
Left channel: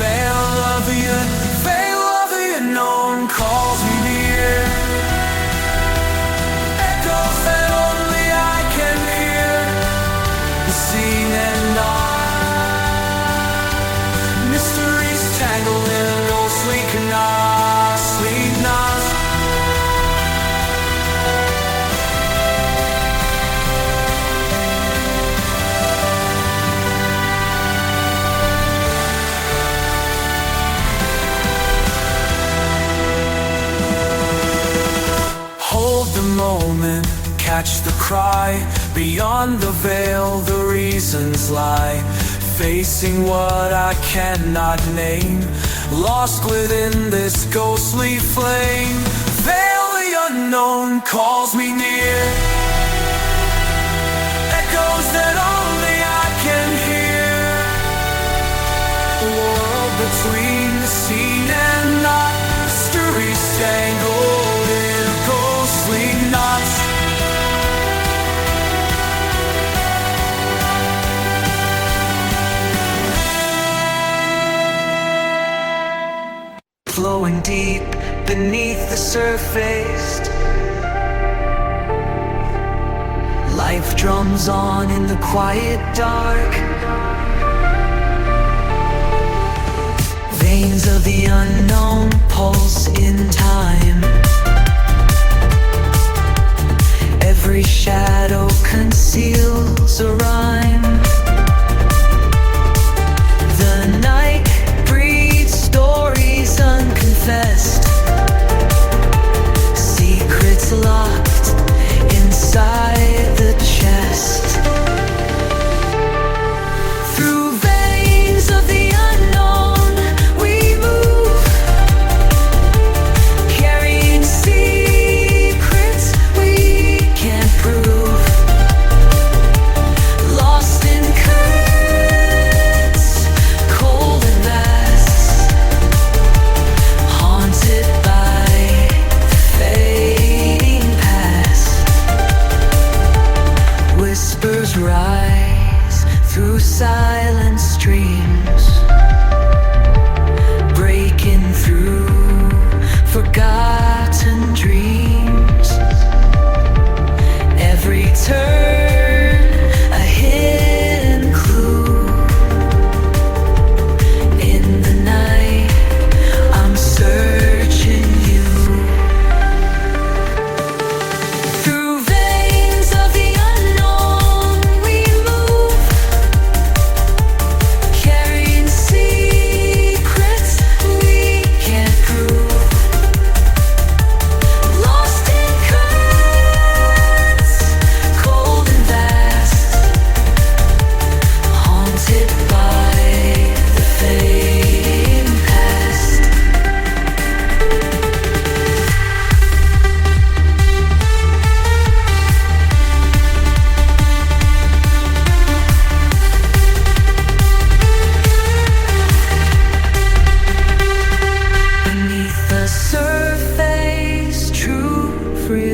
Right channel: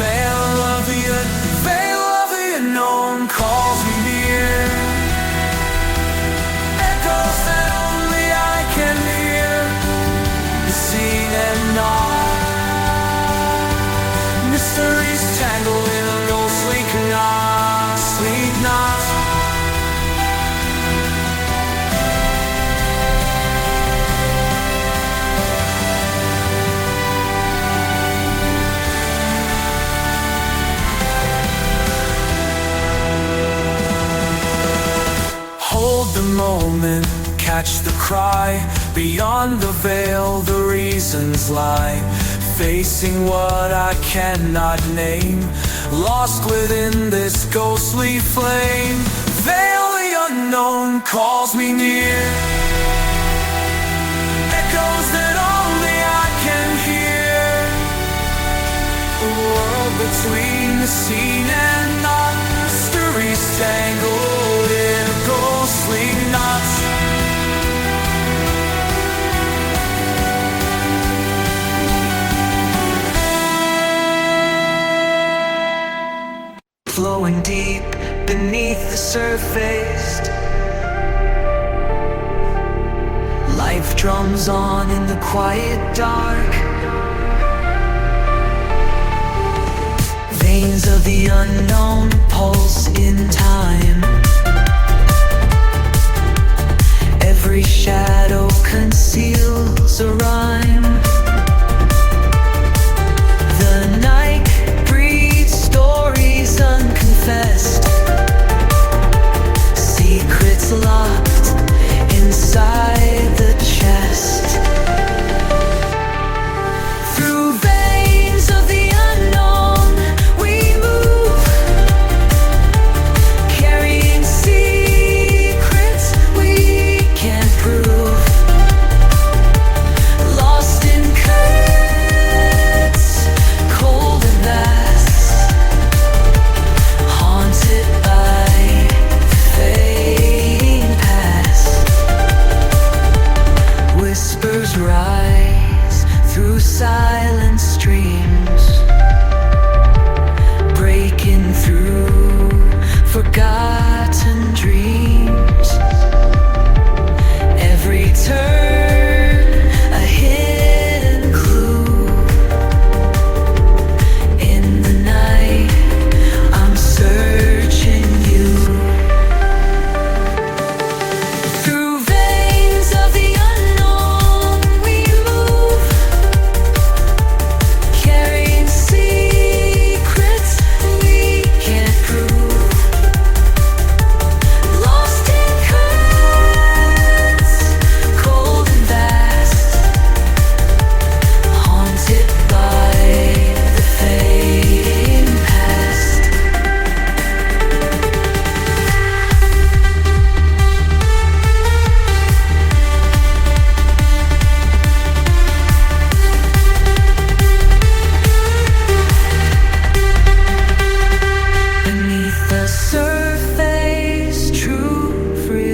Veil of the unknown calls me near, echoes that only I can hear, the seen and not. Mysteries tangled in a ghostly knot, sleep not. Moment, catch the cry. Beyond the veil the reasons lie. Facing what I cannot name, lost within this ghostly flame. Veil the unknown calls me near, echoes that only I can hear. A world between the seen and not. Mysteries tangled in a ghostly knots. Flowing deep beneath the surface, life drums on in the quiet dark. Veins of the unknown pulse in time. Every shadow conceals a rhyme. The night breathes stories unconfessed, secrets locked inside the chest. Through veins of the unknown we move, carrying secrets we can't prove. Lost in currents, cold and vast, haunted by fading past. Whispers rise through silent streams, breaking through forgotten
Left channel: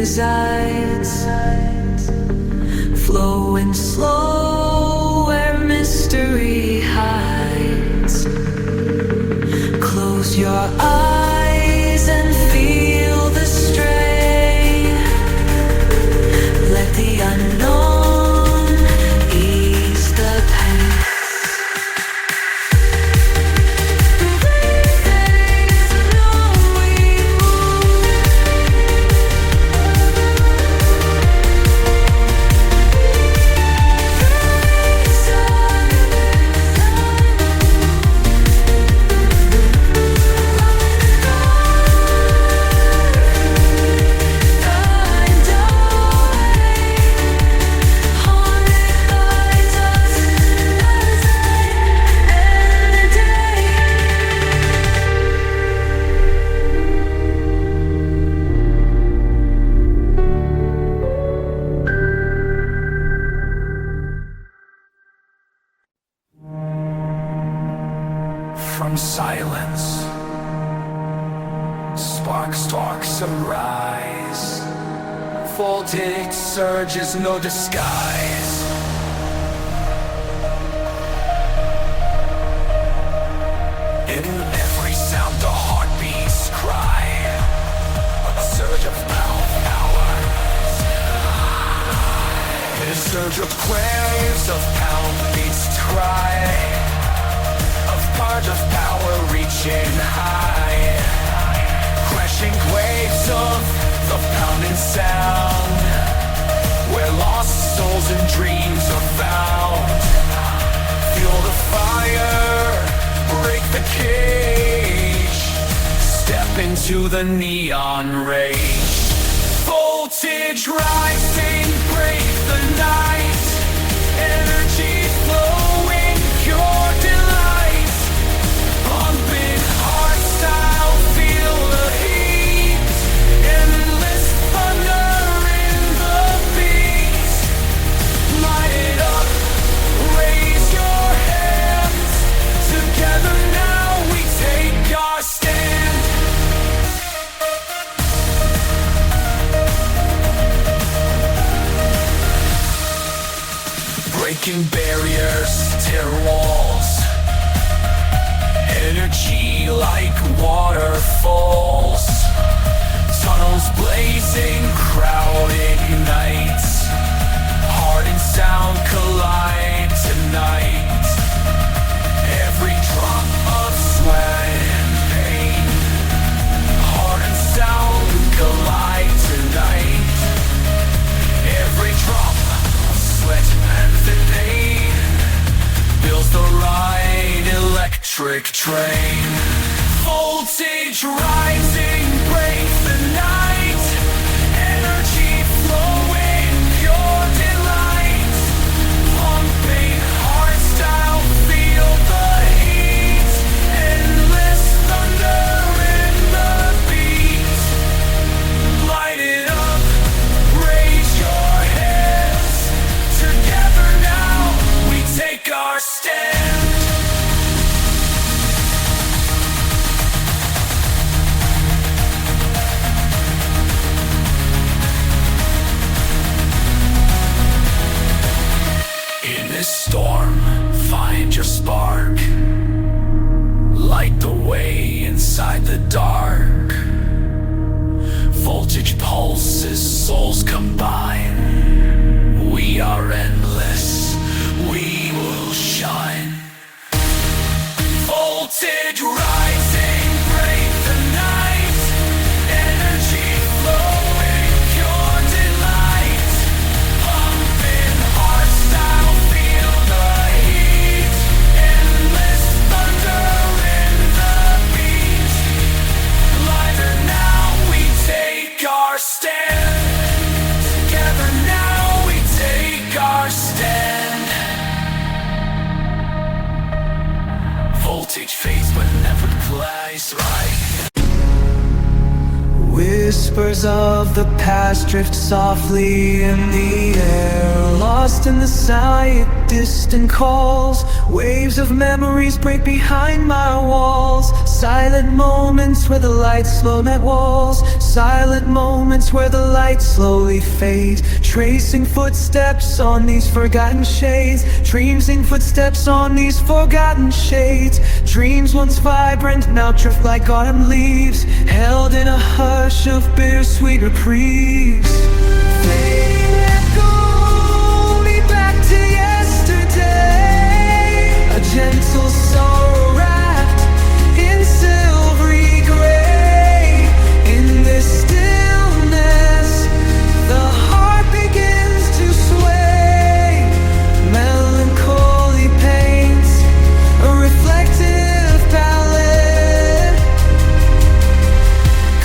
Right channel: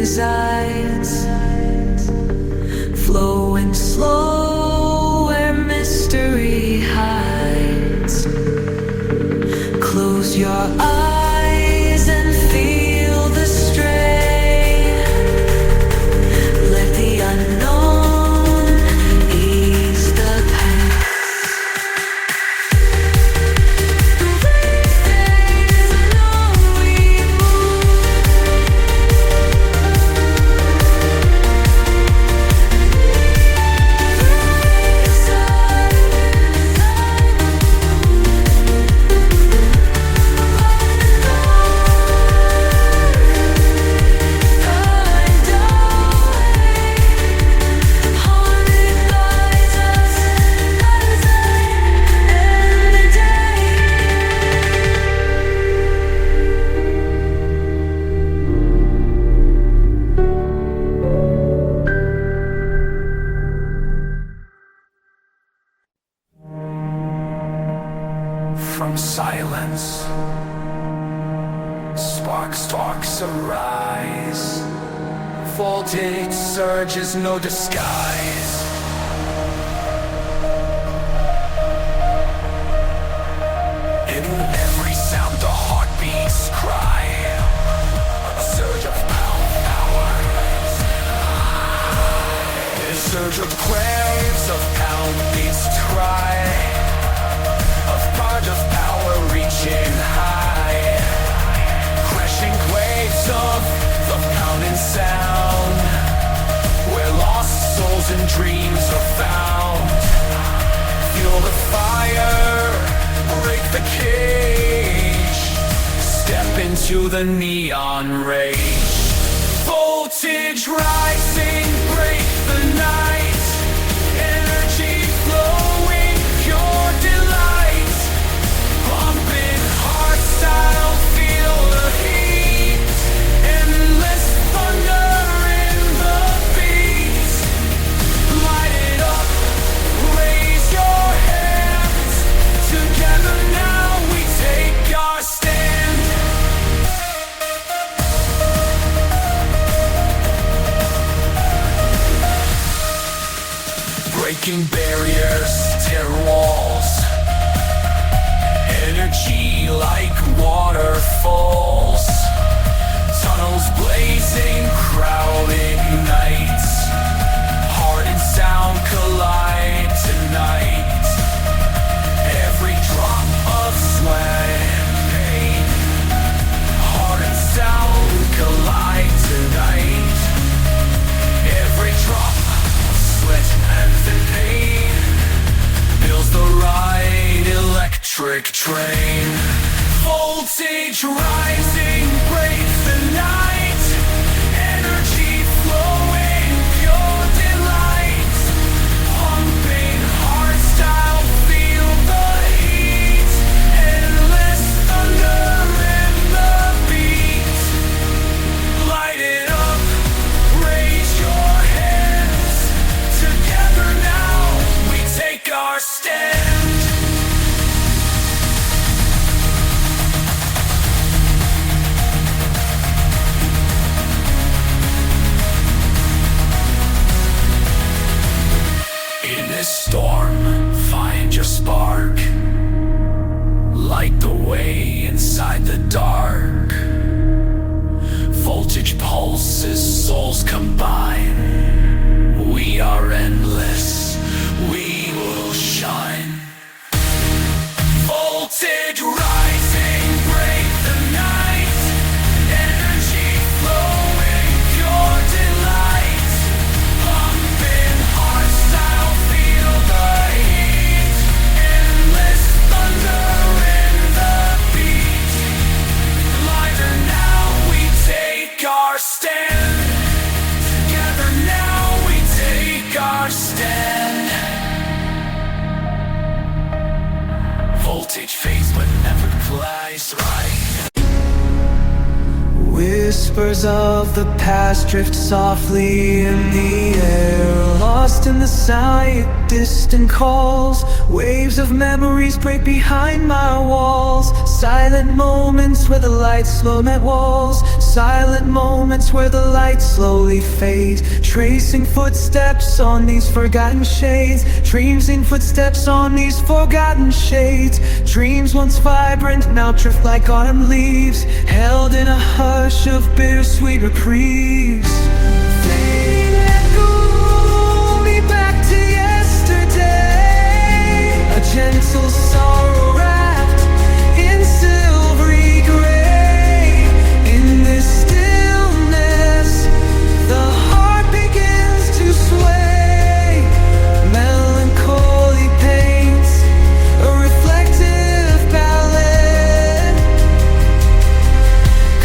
resides, flowing slow where mystery hides. Close your eyes and feel the stray. Let the unknown ease the pain. From silence, sparks arise. Voltage surges, no disguise. In every sound, the heartbeats cry. A surge of power. A surge of waves of pound beats cry. Of power reaching high, crashing waves of coming sound, where lost souls and dreams are found. Feel the fire, break the cage, step into the neon rage. Voltage rising, break the night, energy flowing, pure delight. Pumping heart style, feel the heat. Endless thunder in the beat. Light it up, raise your hands. Together now we take our stand. Breaking barriers, tear walls. Energy like waterfalls. Tunnels blazing, crowd ignites. Heart and sound collide tonight. Every drop of sweat and pain. Heart and sound collide tonight. Every drop of sweat and pain builds the right electric train. Voltage rising, break the night. Energy flowing, pure delight. Pumping heart style, feel the heat. Endless thunder in the beat. Light it up, raise your hands. Together now we take our stand. In this storm, find your spark. Light the way inside the dark. Voltage pulses, souls combine. We are endless, we will shine. Voltage rising, break the night. Energy flowing, pure delight. Pumping heart style, feel the heat. Endless thunder in the beat. Lighter now we take our stand. Together now we take our stand. Voltage fades but never flies right. Whispers of the past drift softly in the air, lost in the sight. distant calls. Waves of memories break behind my walls. Silent moments where the lights slow my walls. Silent moments where the lights slowly fade. Tracing footsteps on these forgotten shades. Dreamsing footsteps on these forgotten shades. Dreams once vibrant now drift like autumn leaves, held in a hush of bittersweet reprieves. Fading echo me back to yesterday. A gentle sorrow wrapped in silvery gray. In this stillness, the heart begins to sway. Melancholy paints a reflective palette.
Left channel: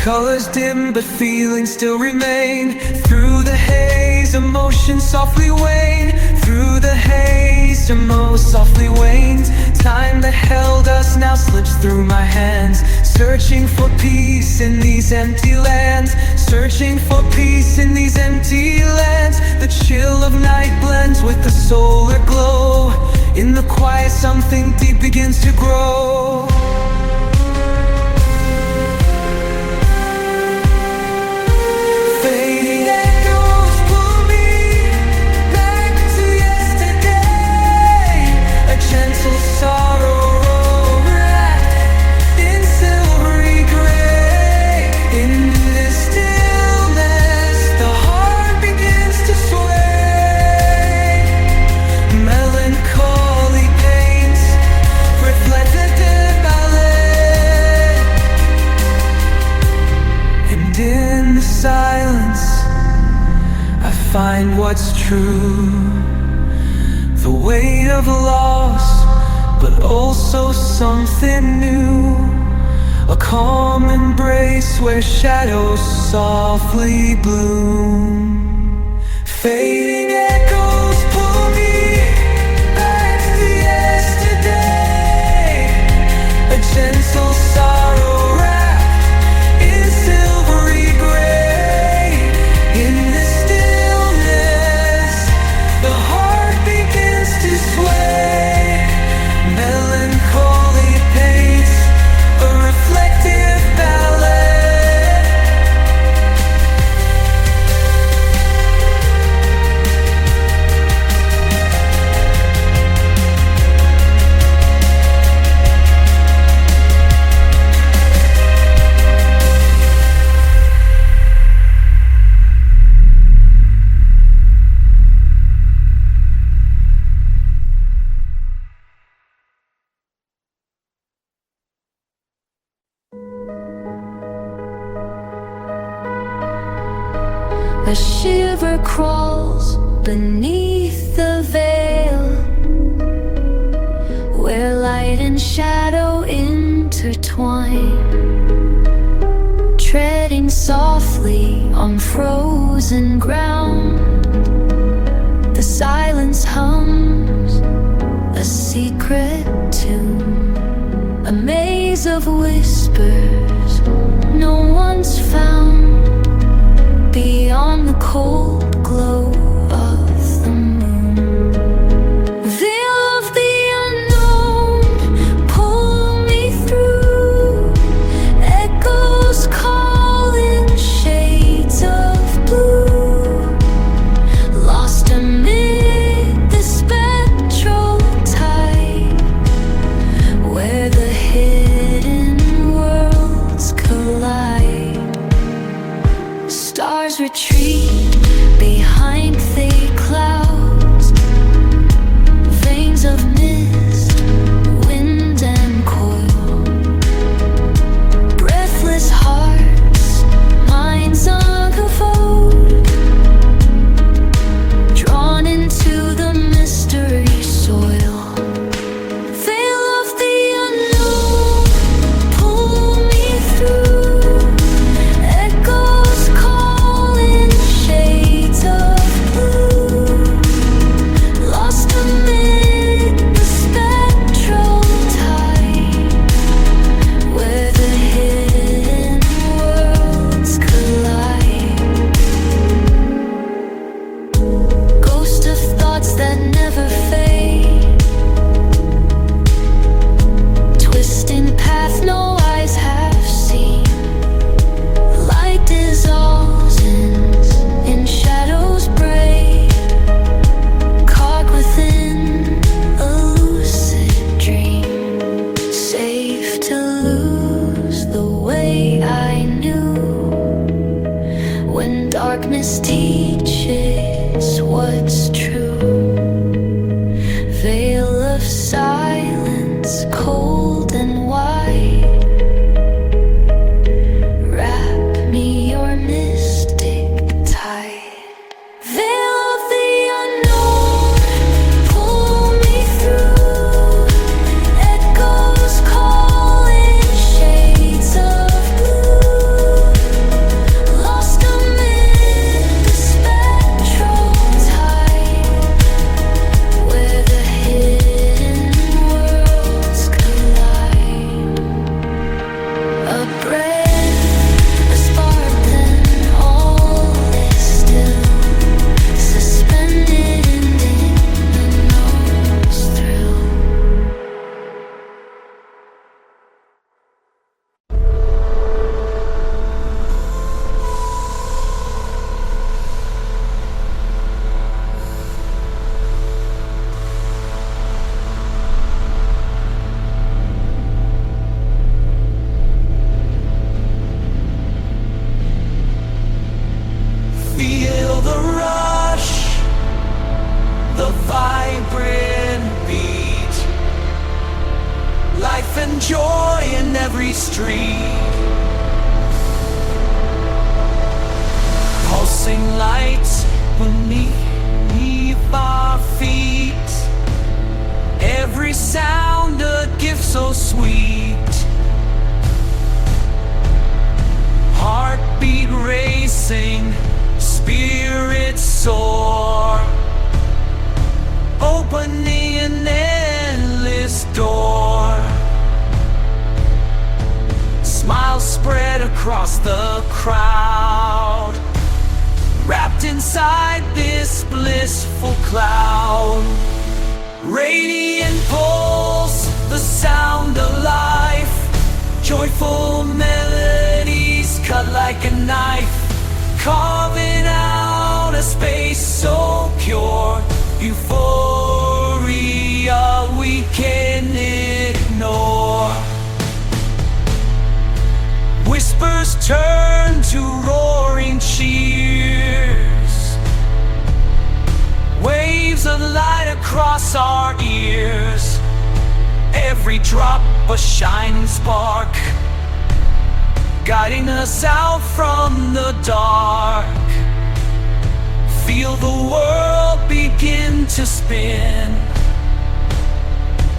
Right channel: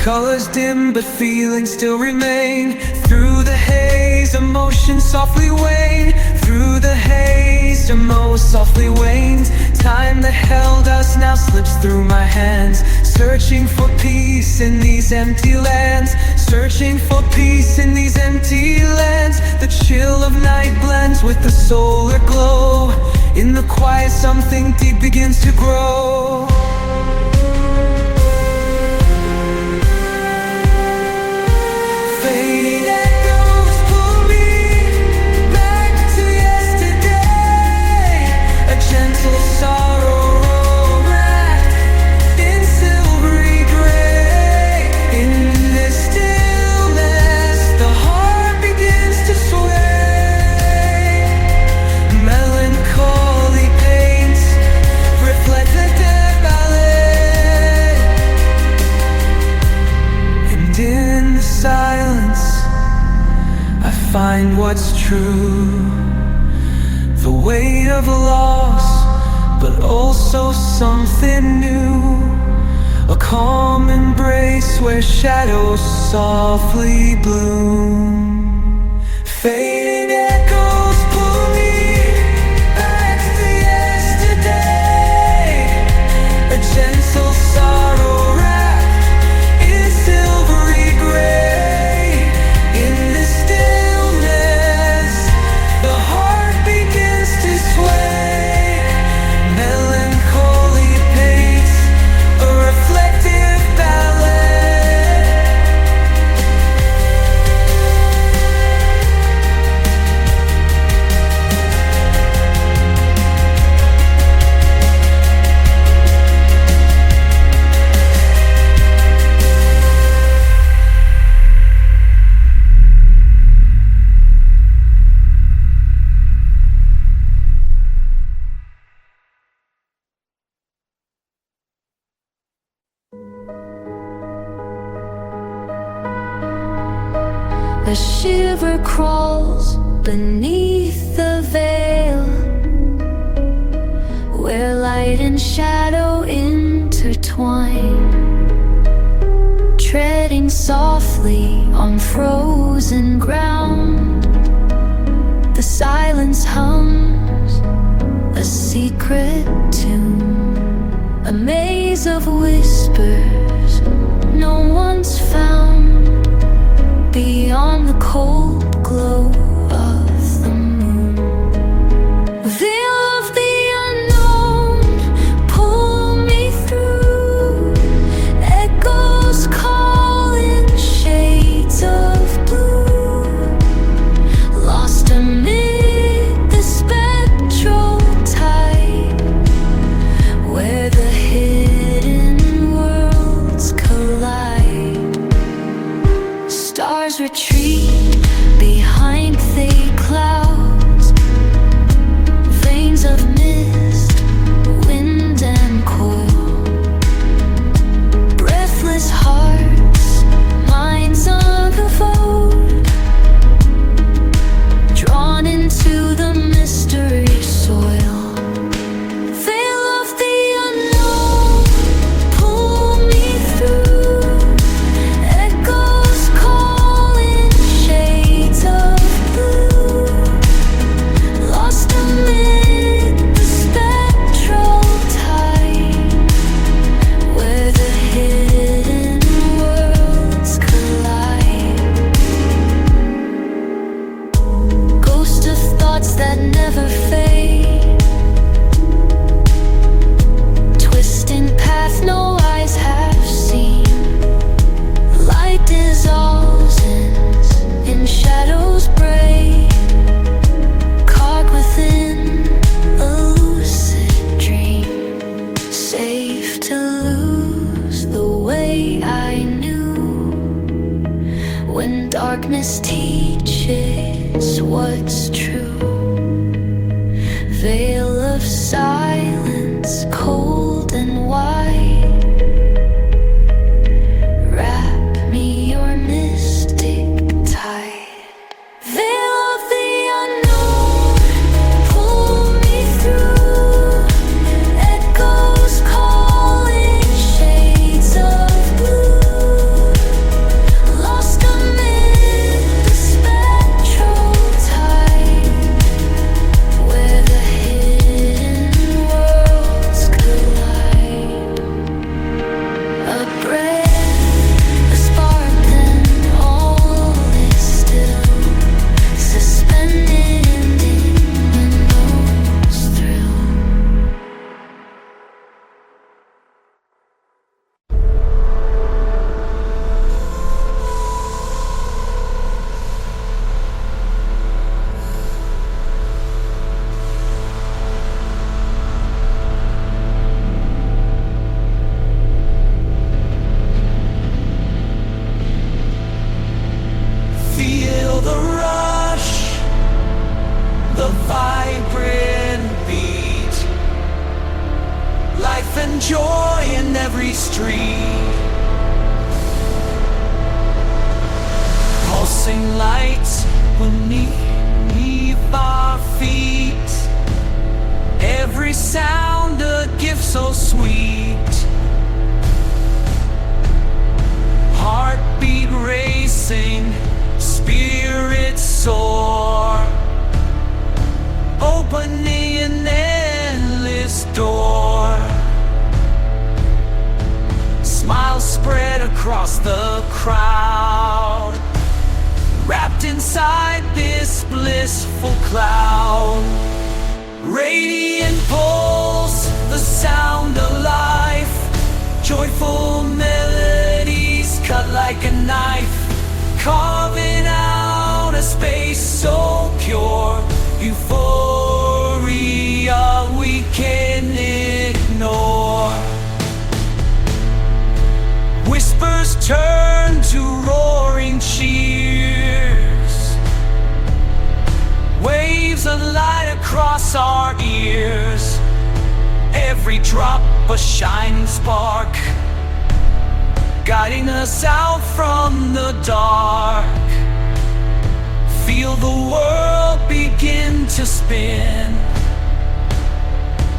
Colors dim but feelings still remain. Through the haze, emotion softly wane. Through the haze, emotion softly wanes. Time that held us now slips through my hands. Searching for peace in these empty lands. Searching for peace in these empty lands. The chill of night blends with the solar glow. In the quiet something deep begins to grow. Fading echoes pull me back to yesterday. A gentle sorrow wrapped in silvery gray. In this stillness, the heart begins to sway. Melancholy paints reflective ballet. And in the silence, I find what's true. The weight of loss, but also something new. A calm embrace where shadows softly bloom. Fading echoes pull me back to yesterday. A gentle sorrow wrapped in silvery gray. In the stillness, the heart begins to sway. Melancholy paints a reflective ballet. A shiver crawls beneath the veil, where light and shadow intertwine, treading softly on frozen ground. The silence hums a secret tune, a maze of whispers no one's found. Beyond the cold glow of the moon, veil of the unknown, pull me through. Echoes calling, shades of blue, lost amid the spectral tide, where the hidden worlds collide. Stars retreat behind thick clouds, veins of mist, wind and coil. Breathless hearts, minds unfold, drawn into the mystery soil. Veil of the unknown, pull me through. Echoes calling, shades of blue, lost amid the spectral tide, what's true. Veil of silence, cold and white. Wrap me your mystic tight. Veil of the unknown, pull me through. Echoes calling, shades of blue. Lost amid the spectral tide, where the hidden worlds collide. A breath, a spark, then all is still, suspended in the nose thrill. Feel the rush, the vibrant beat, life and joy in every street. Pulsing lights beneath our feet. Every sound a gift so sweet. Heartbeat racing, spirits soar, opening an endless door. Smiles spread across the crowd, wrapped inside this blissful cloud. Radiant pulse, the sound of life. Joyful melodies cut like a knife, carving out a space so pure. Euphoria we can't ignore. Whispers turn to roaring cheers. Waves of light across our ears. Every drop a shining spark, guiding us out from the dark. Feel the world begin to spin.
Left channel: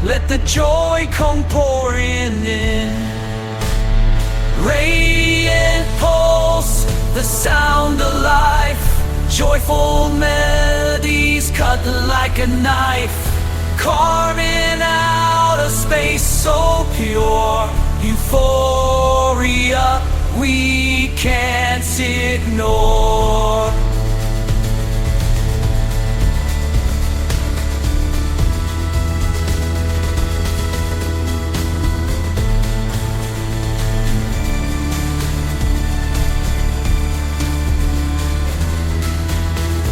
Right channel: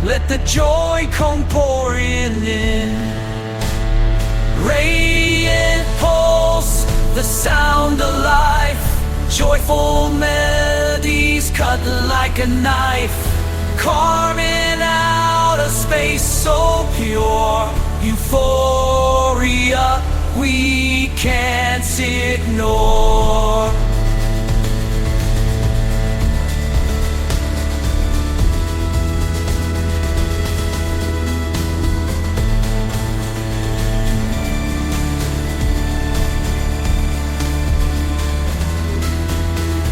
Let the joy come pouring in. Radiant pulse, the sound of life. Joyful melodies cut like a knife, carving out a space so pure. Euphoria we can't ignore.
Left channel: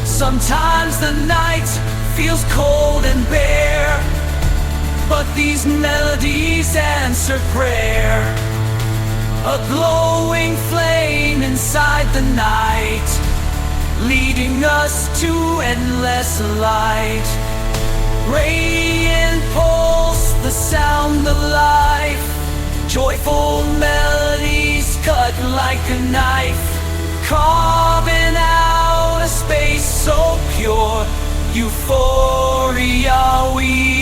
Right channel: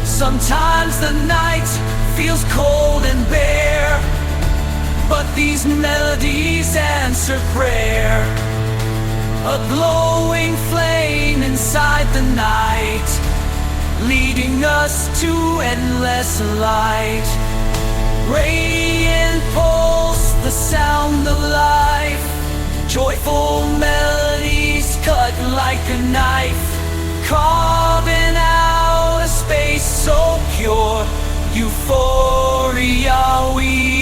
Sometimes the night feels cold and bare, but these melodies answer prayer. A glowing flame inside the night, leading us to endless light. Radiant pulse, the sound of life. Joyful melodies cut like a knife, carving out a space so pure. Euphoria we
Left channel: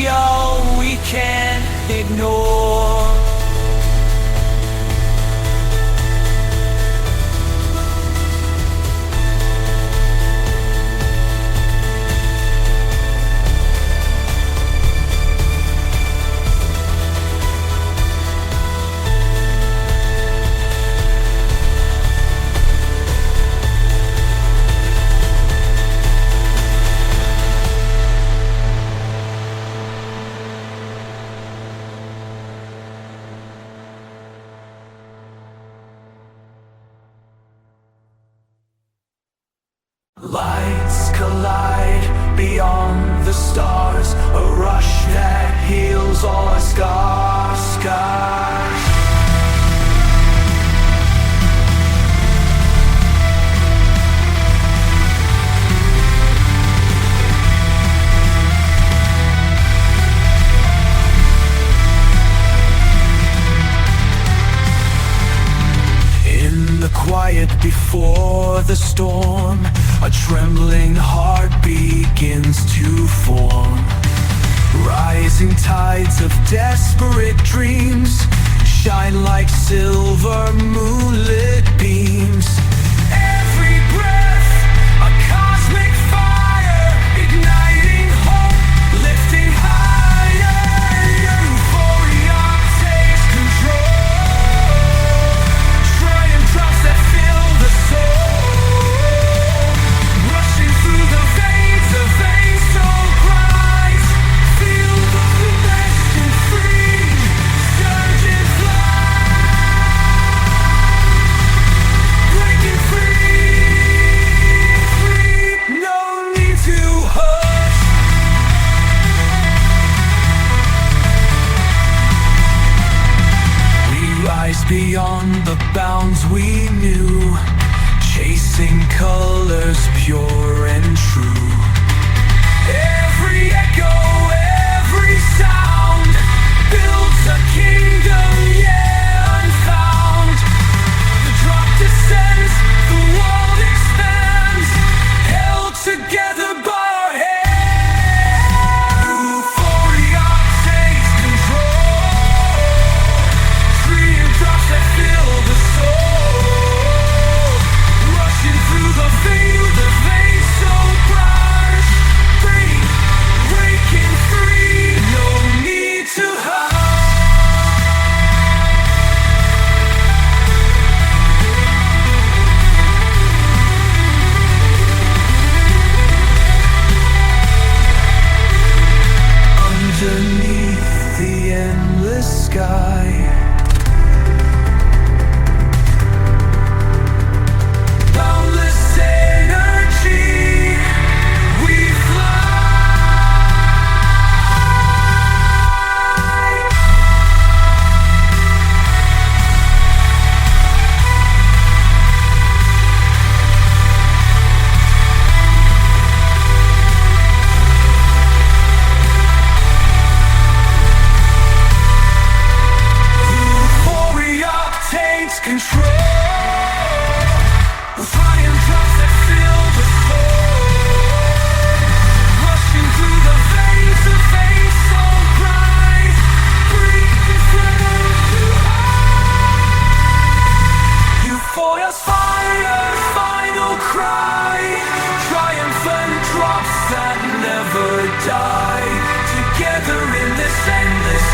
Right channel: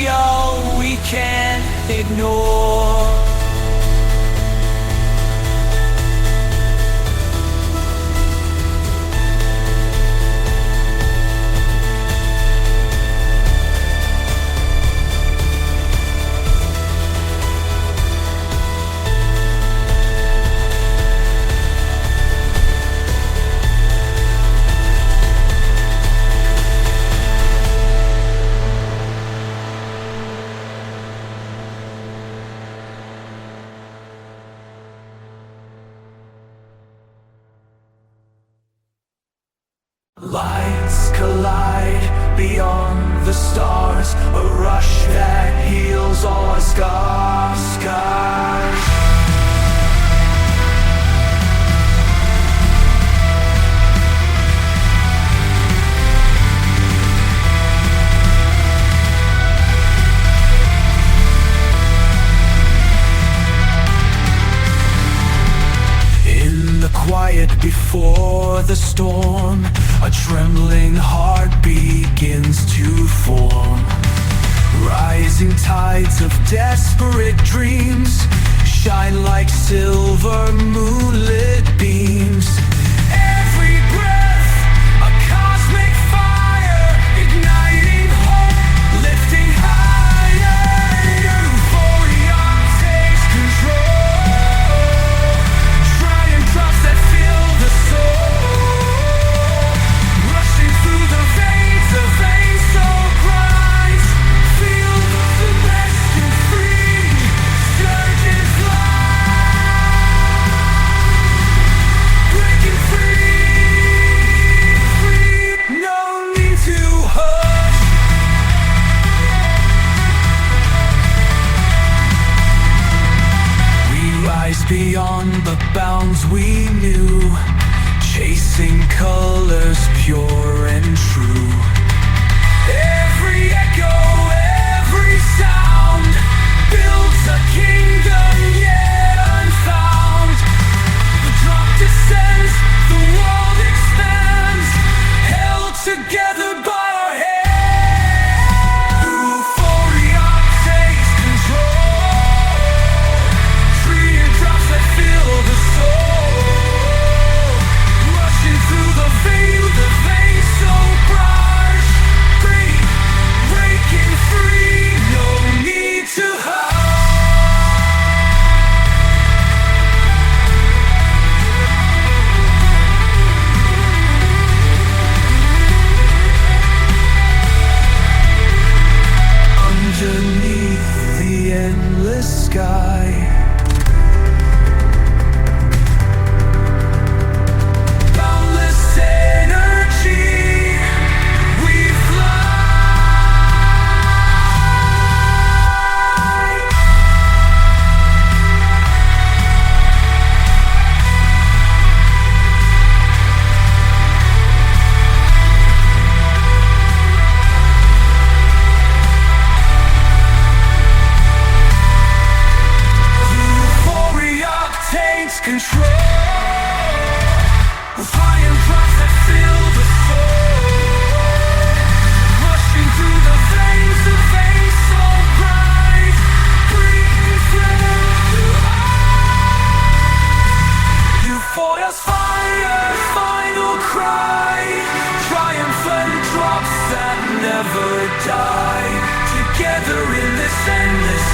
can't ignore. Lights collide beyond the stars, a rush that heals all scars. storm, a trembling heart begins to form. Rising tides of desperate dreams shine like silver moonlit beams. Every breath, a cosmic fire, igniting hope, lifting higher. Euphoria takes control. Triumphs that fill the soul, rushing through the veins of veins so bright. Feel the blessed and free, surge and fly, breaking free, free. No need to hush. We rise beyond the bounds we knew, chasing colors pure and true. Every echo, every sound builds a kingdom yet unfound. The drop descends, the wall expands, held together by our hands. Euphoria takes control. Triumphs that fill the soul, rushing through the veins so bright. Breaking free, no need to hide. Underneath the endless sky, boundless energy, we fly. Euphoria takes control. With triumphs that fill the soul, rushing through the veins of veins so bright, breathing flame to eyes. Euphoria's fire, final cry, triumphant drops that never die. Together in this endless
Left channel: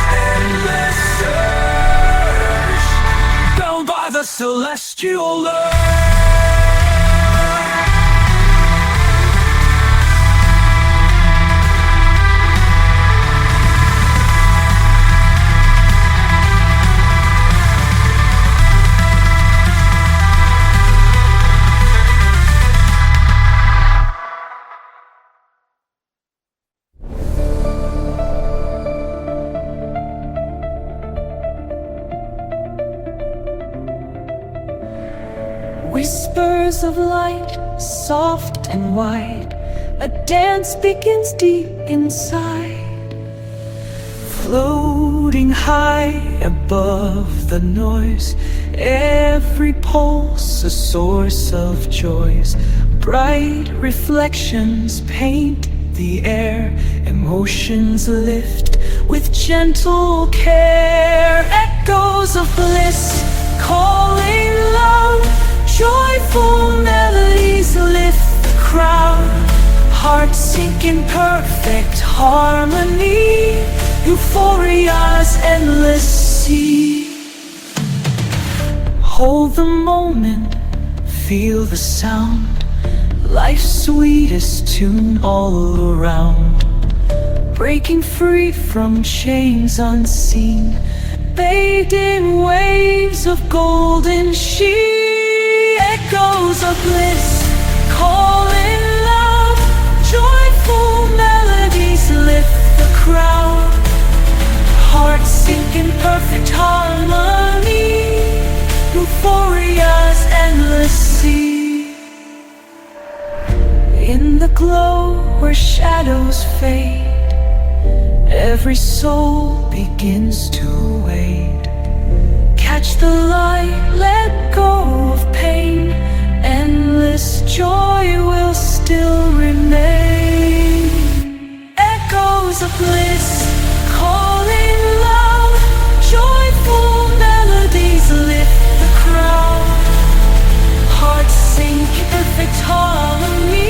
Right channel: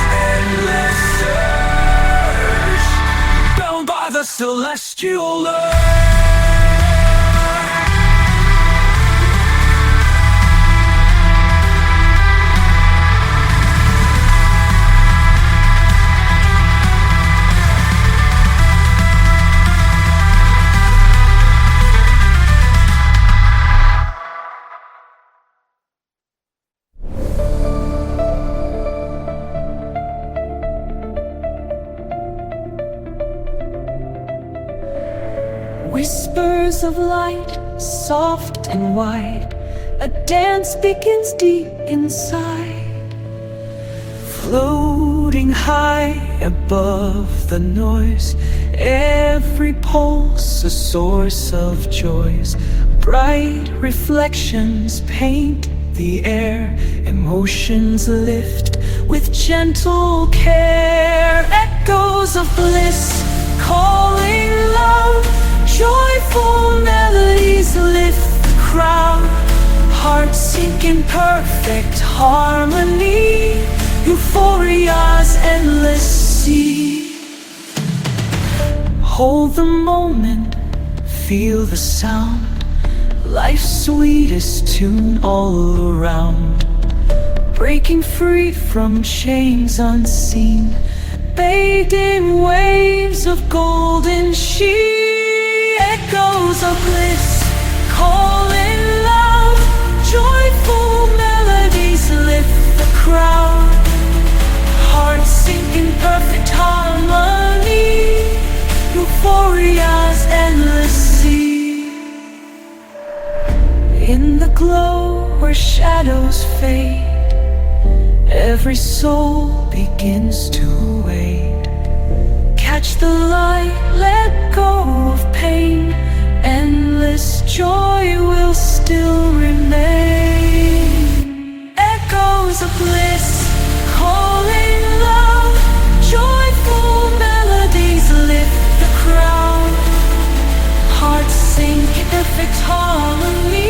surge, bound by the celestial urge. Whispers of light, soft and wide, a dance begins deep inside. Floating high above the noise, every pulse a source of joys. Bright reflections paint the air, emotions lift with gentle care. Echoes of bliss calling loud, joyful melodies lift the crowd. Hearts sink in perfect harmony, euphoria's endless sea. Hold the moment, feel the sound, life's sweetest tune all around. Breaking free from chains unseen, bathed in waves of golden sheen. Echoes of bliss calling loud, joyful melodies lift the crowd. Hearts sink in perfect harmony, euphoria's endless sea. In the glow where shadows fade, every soul begins to wade. Catch the light, let go of pain, endless joy will still remain. Echoes of bliss calling loud, joyful melodies lift the crowd. Hearts sing perfect harmony.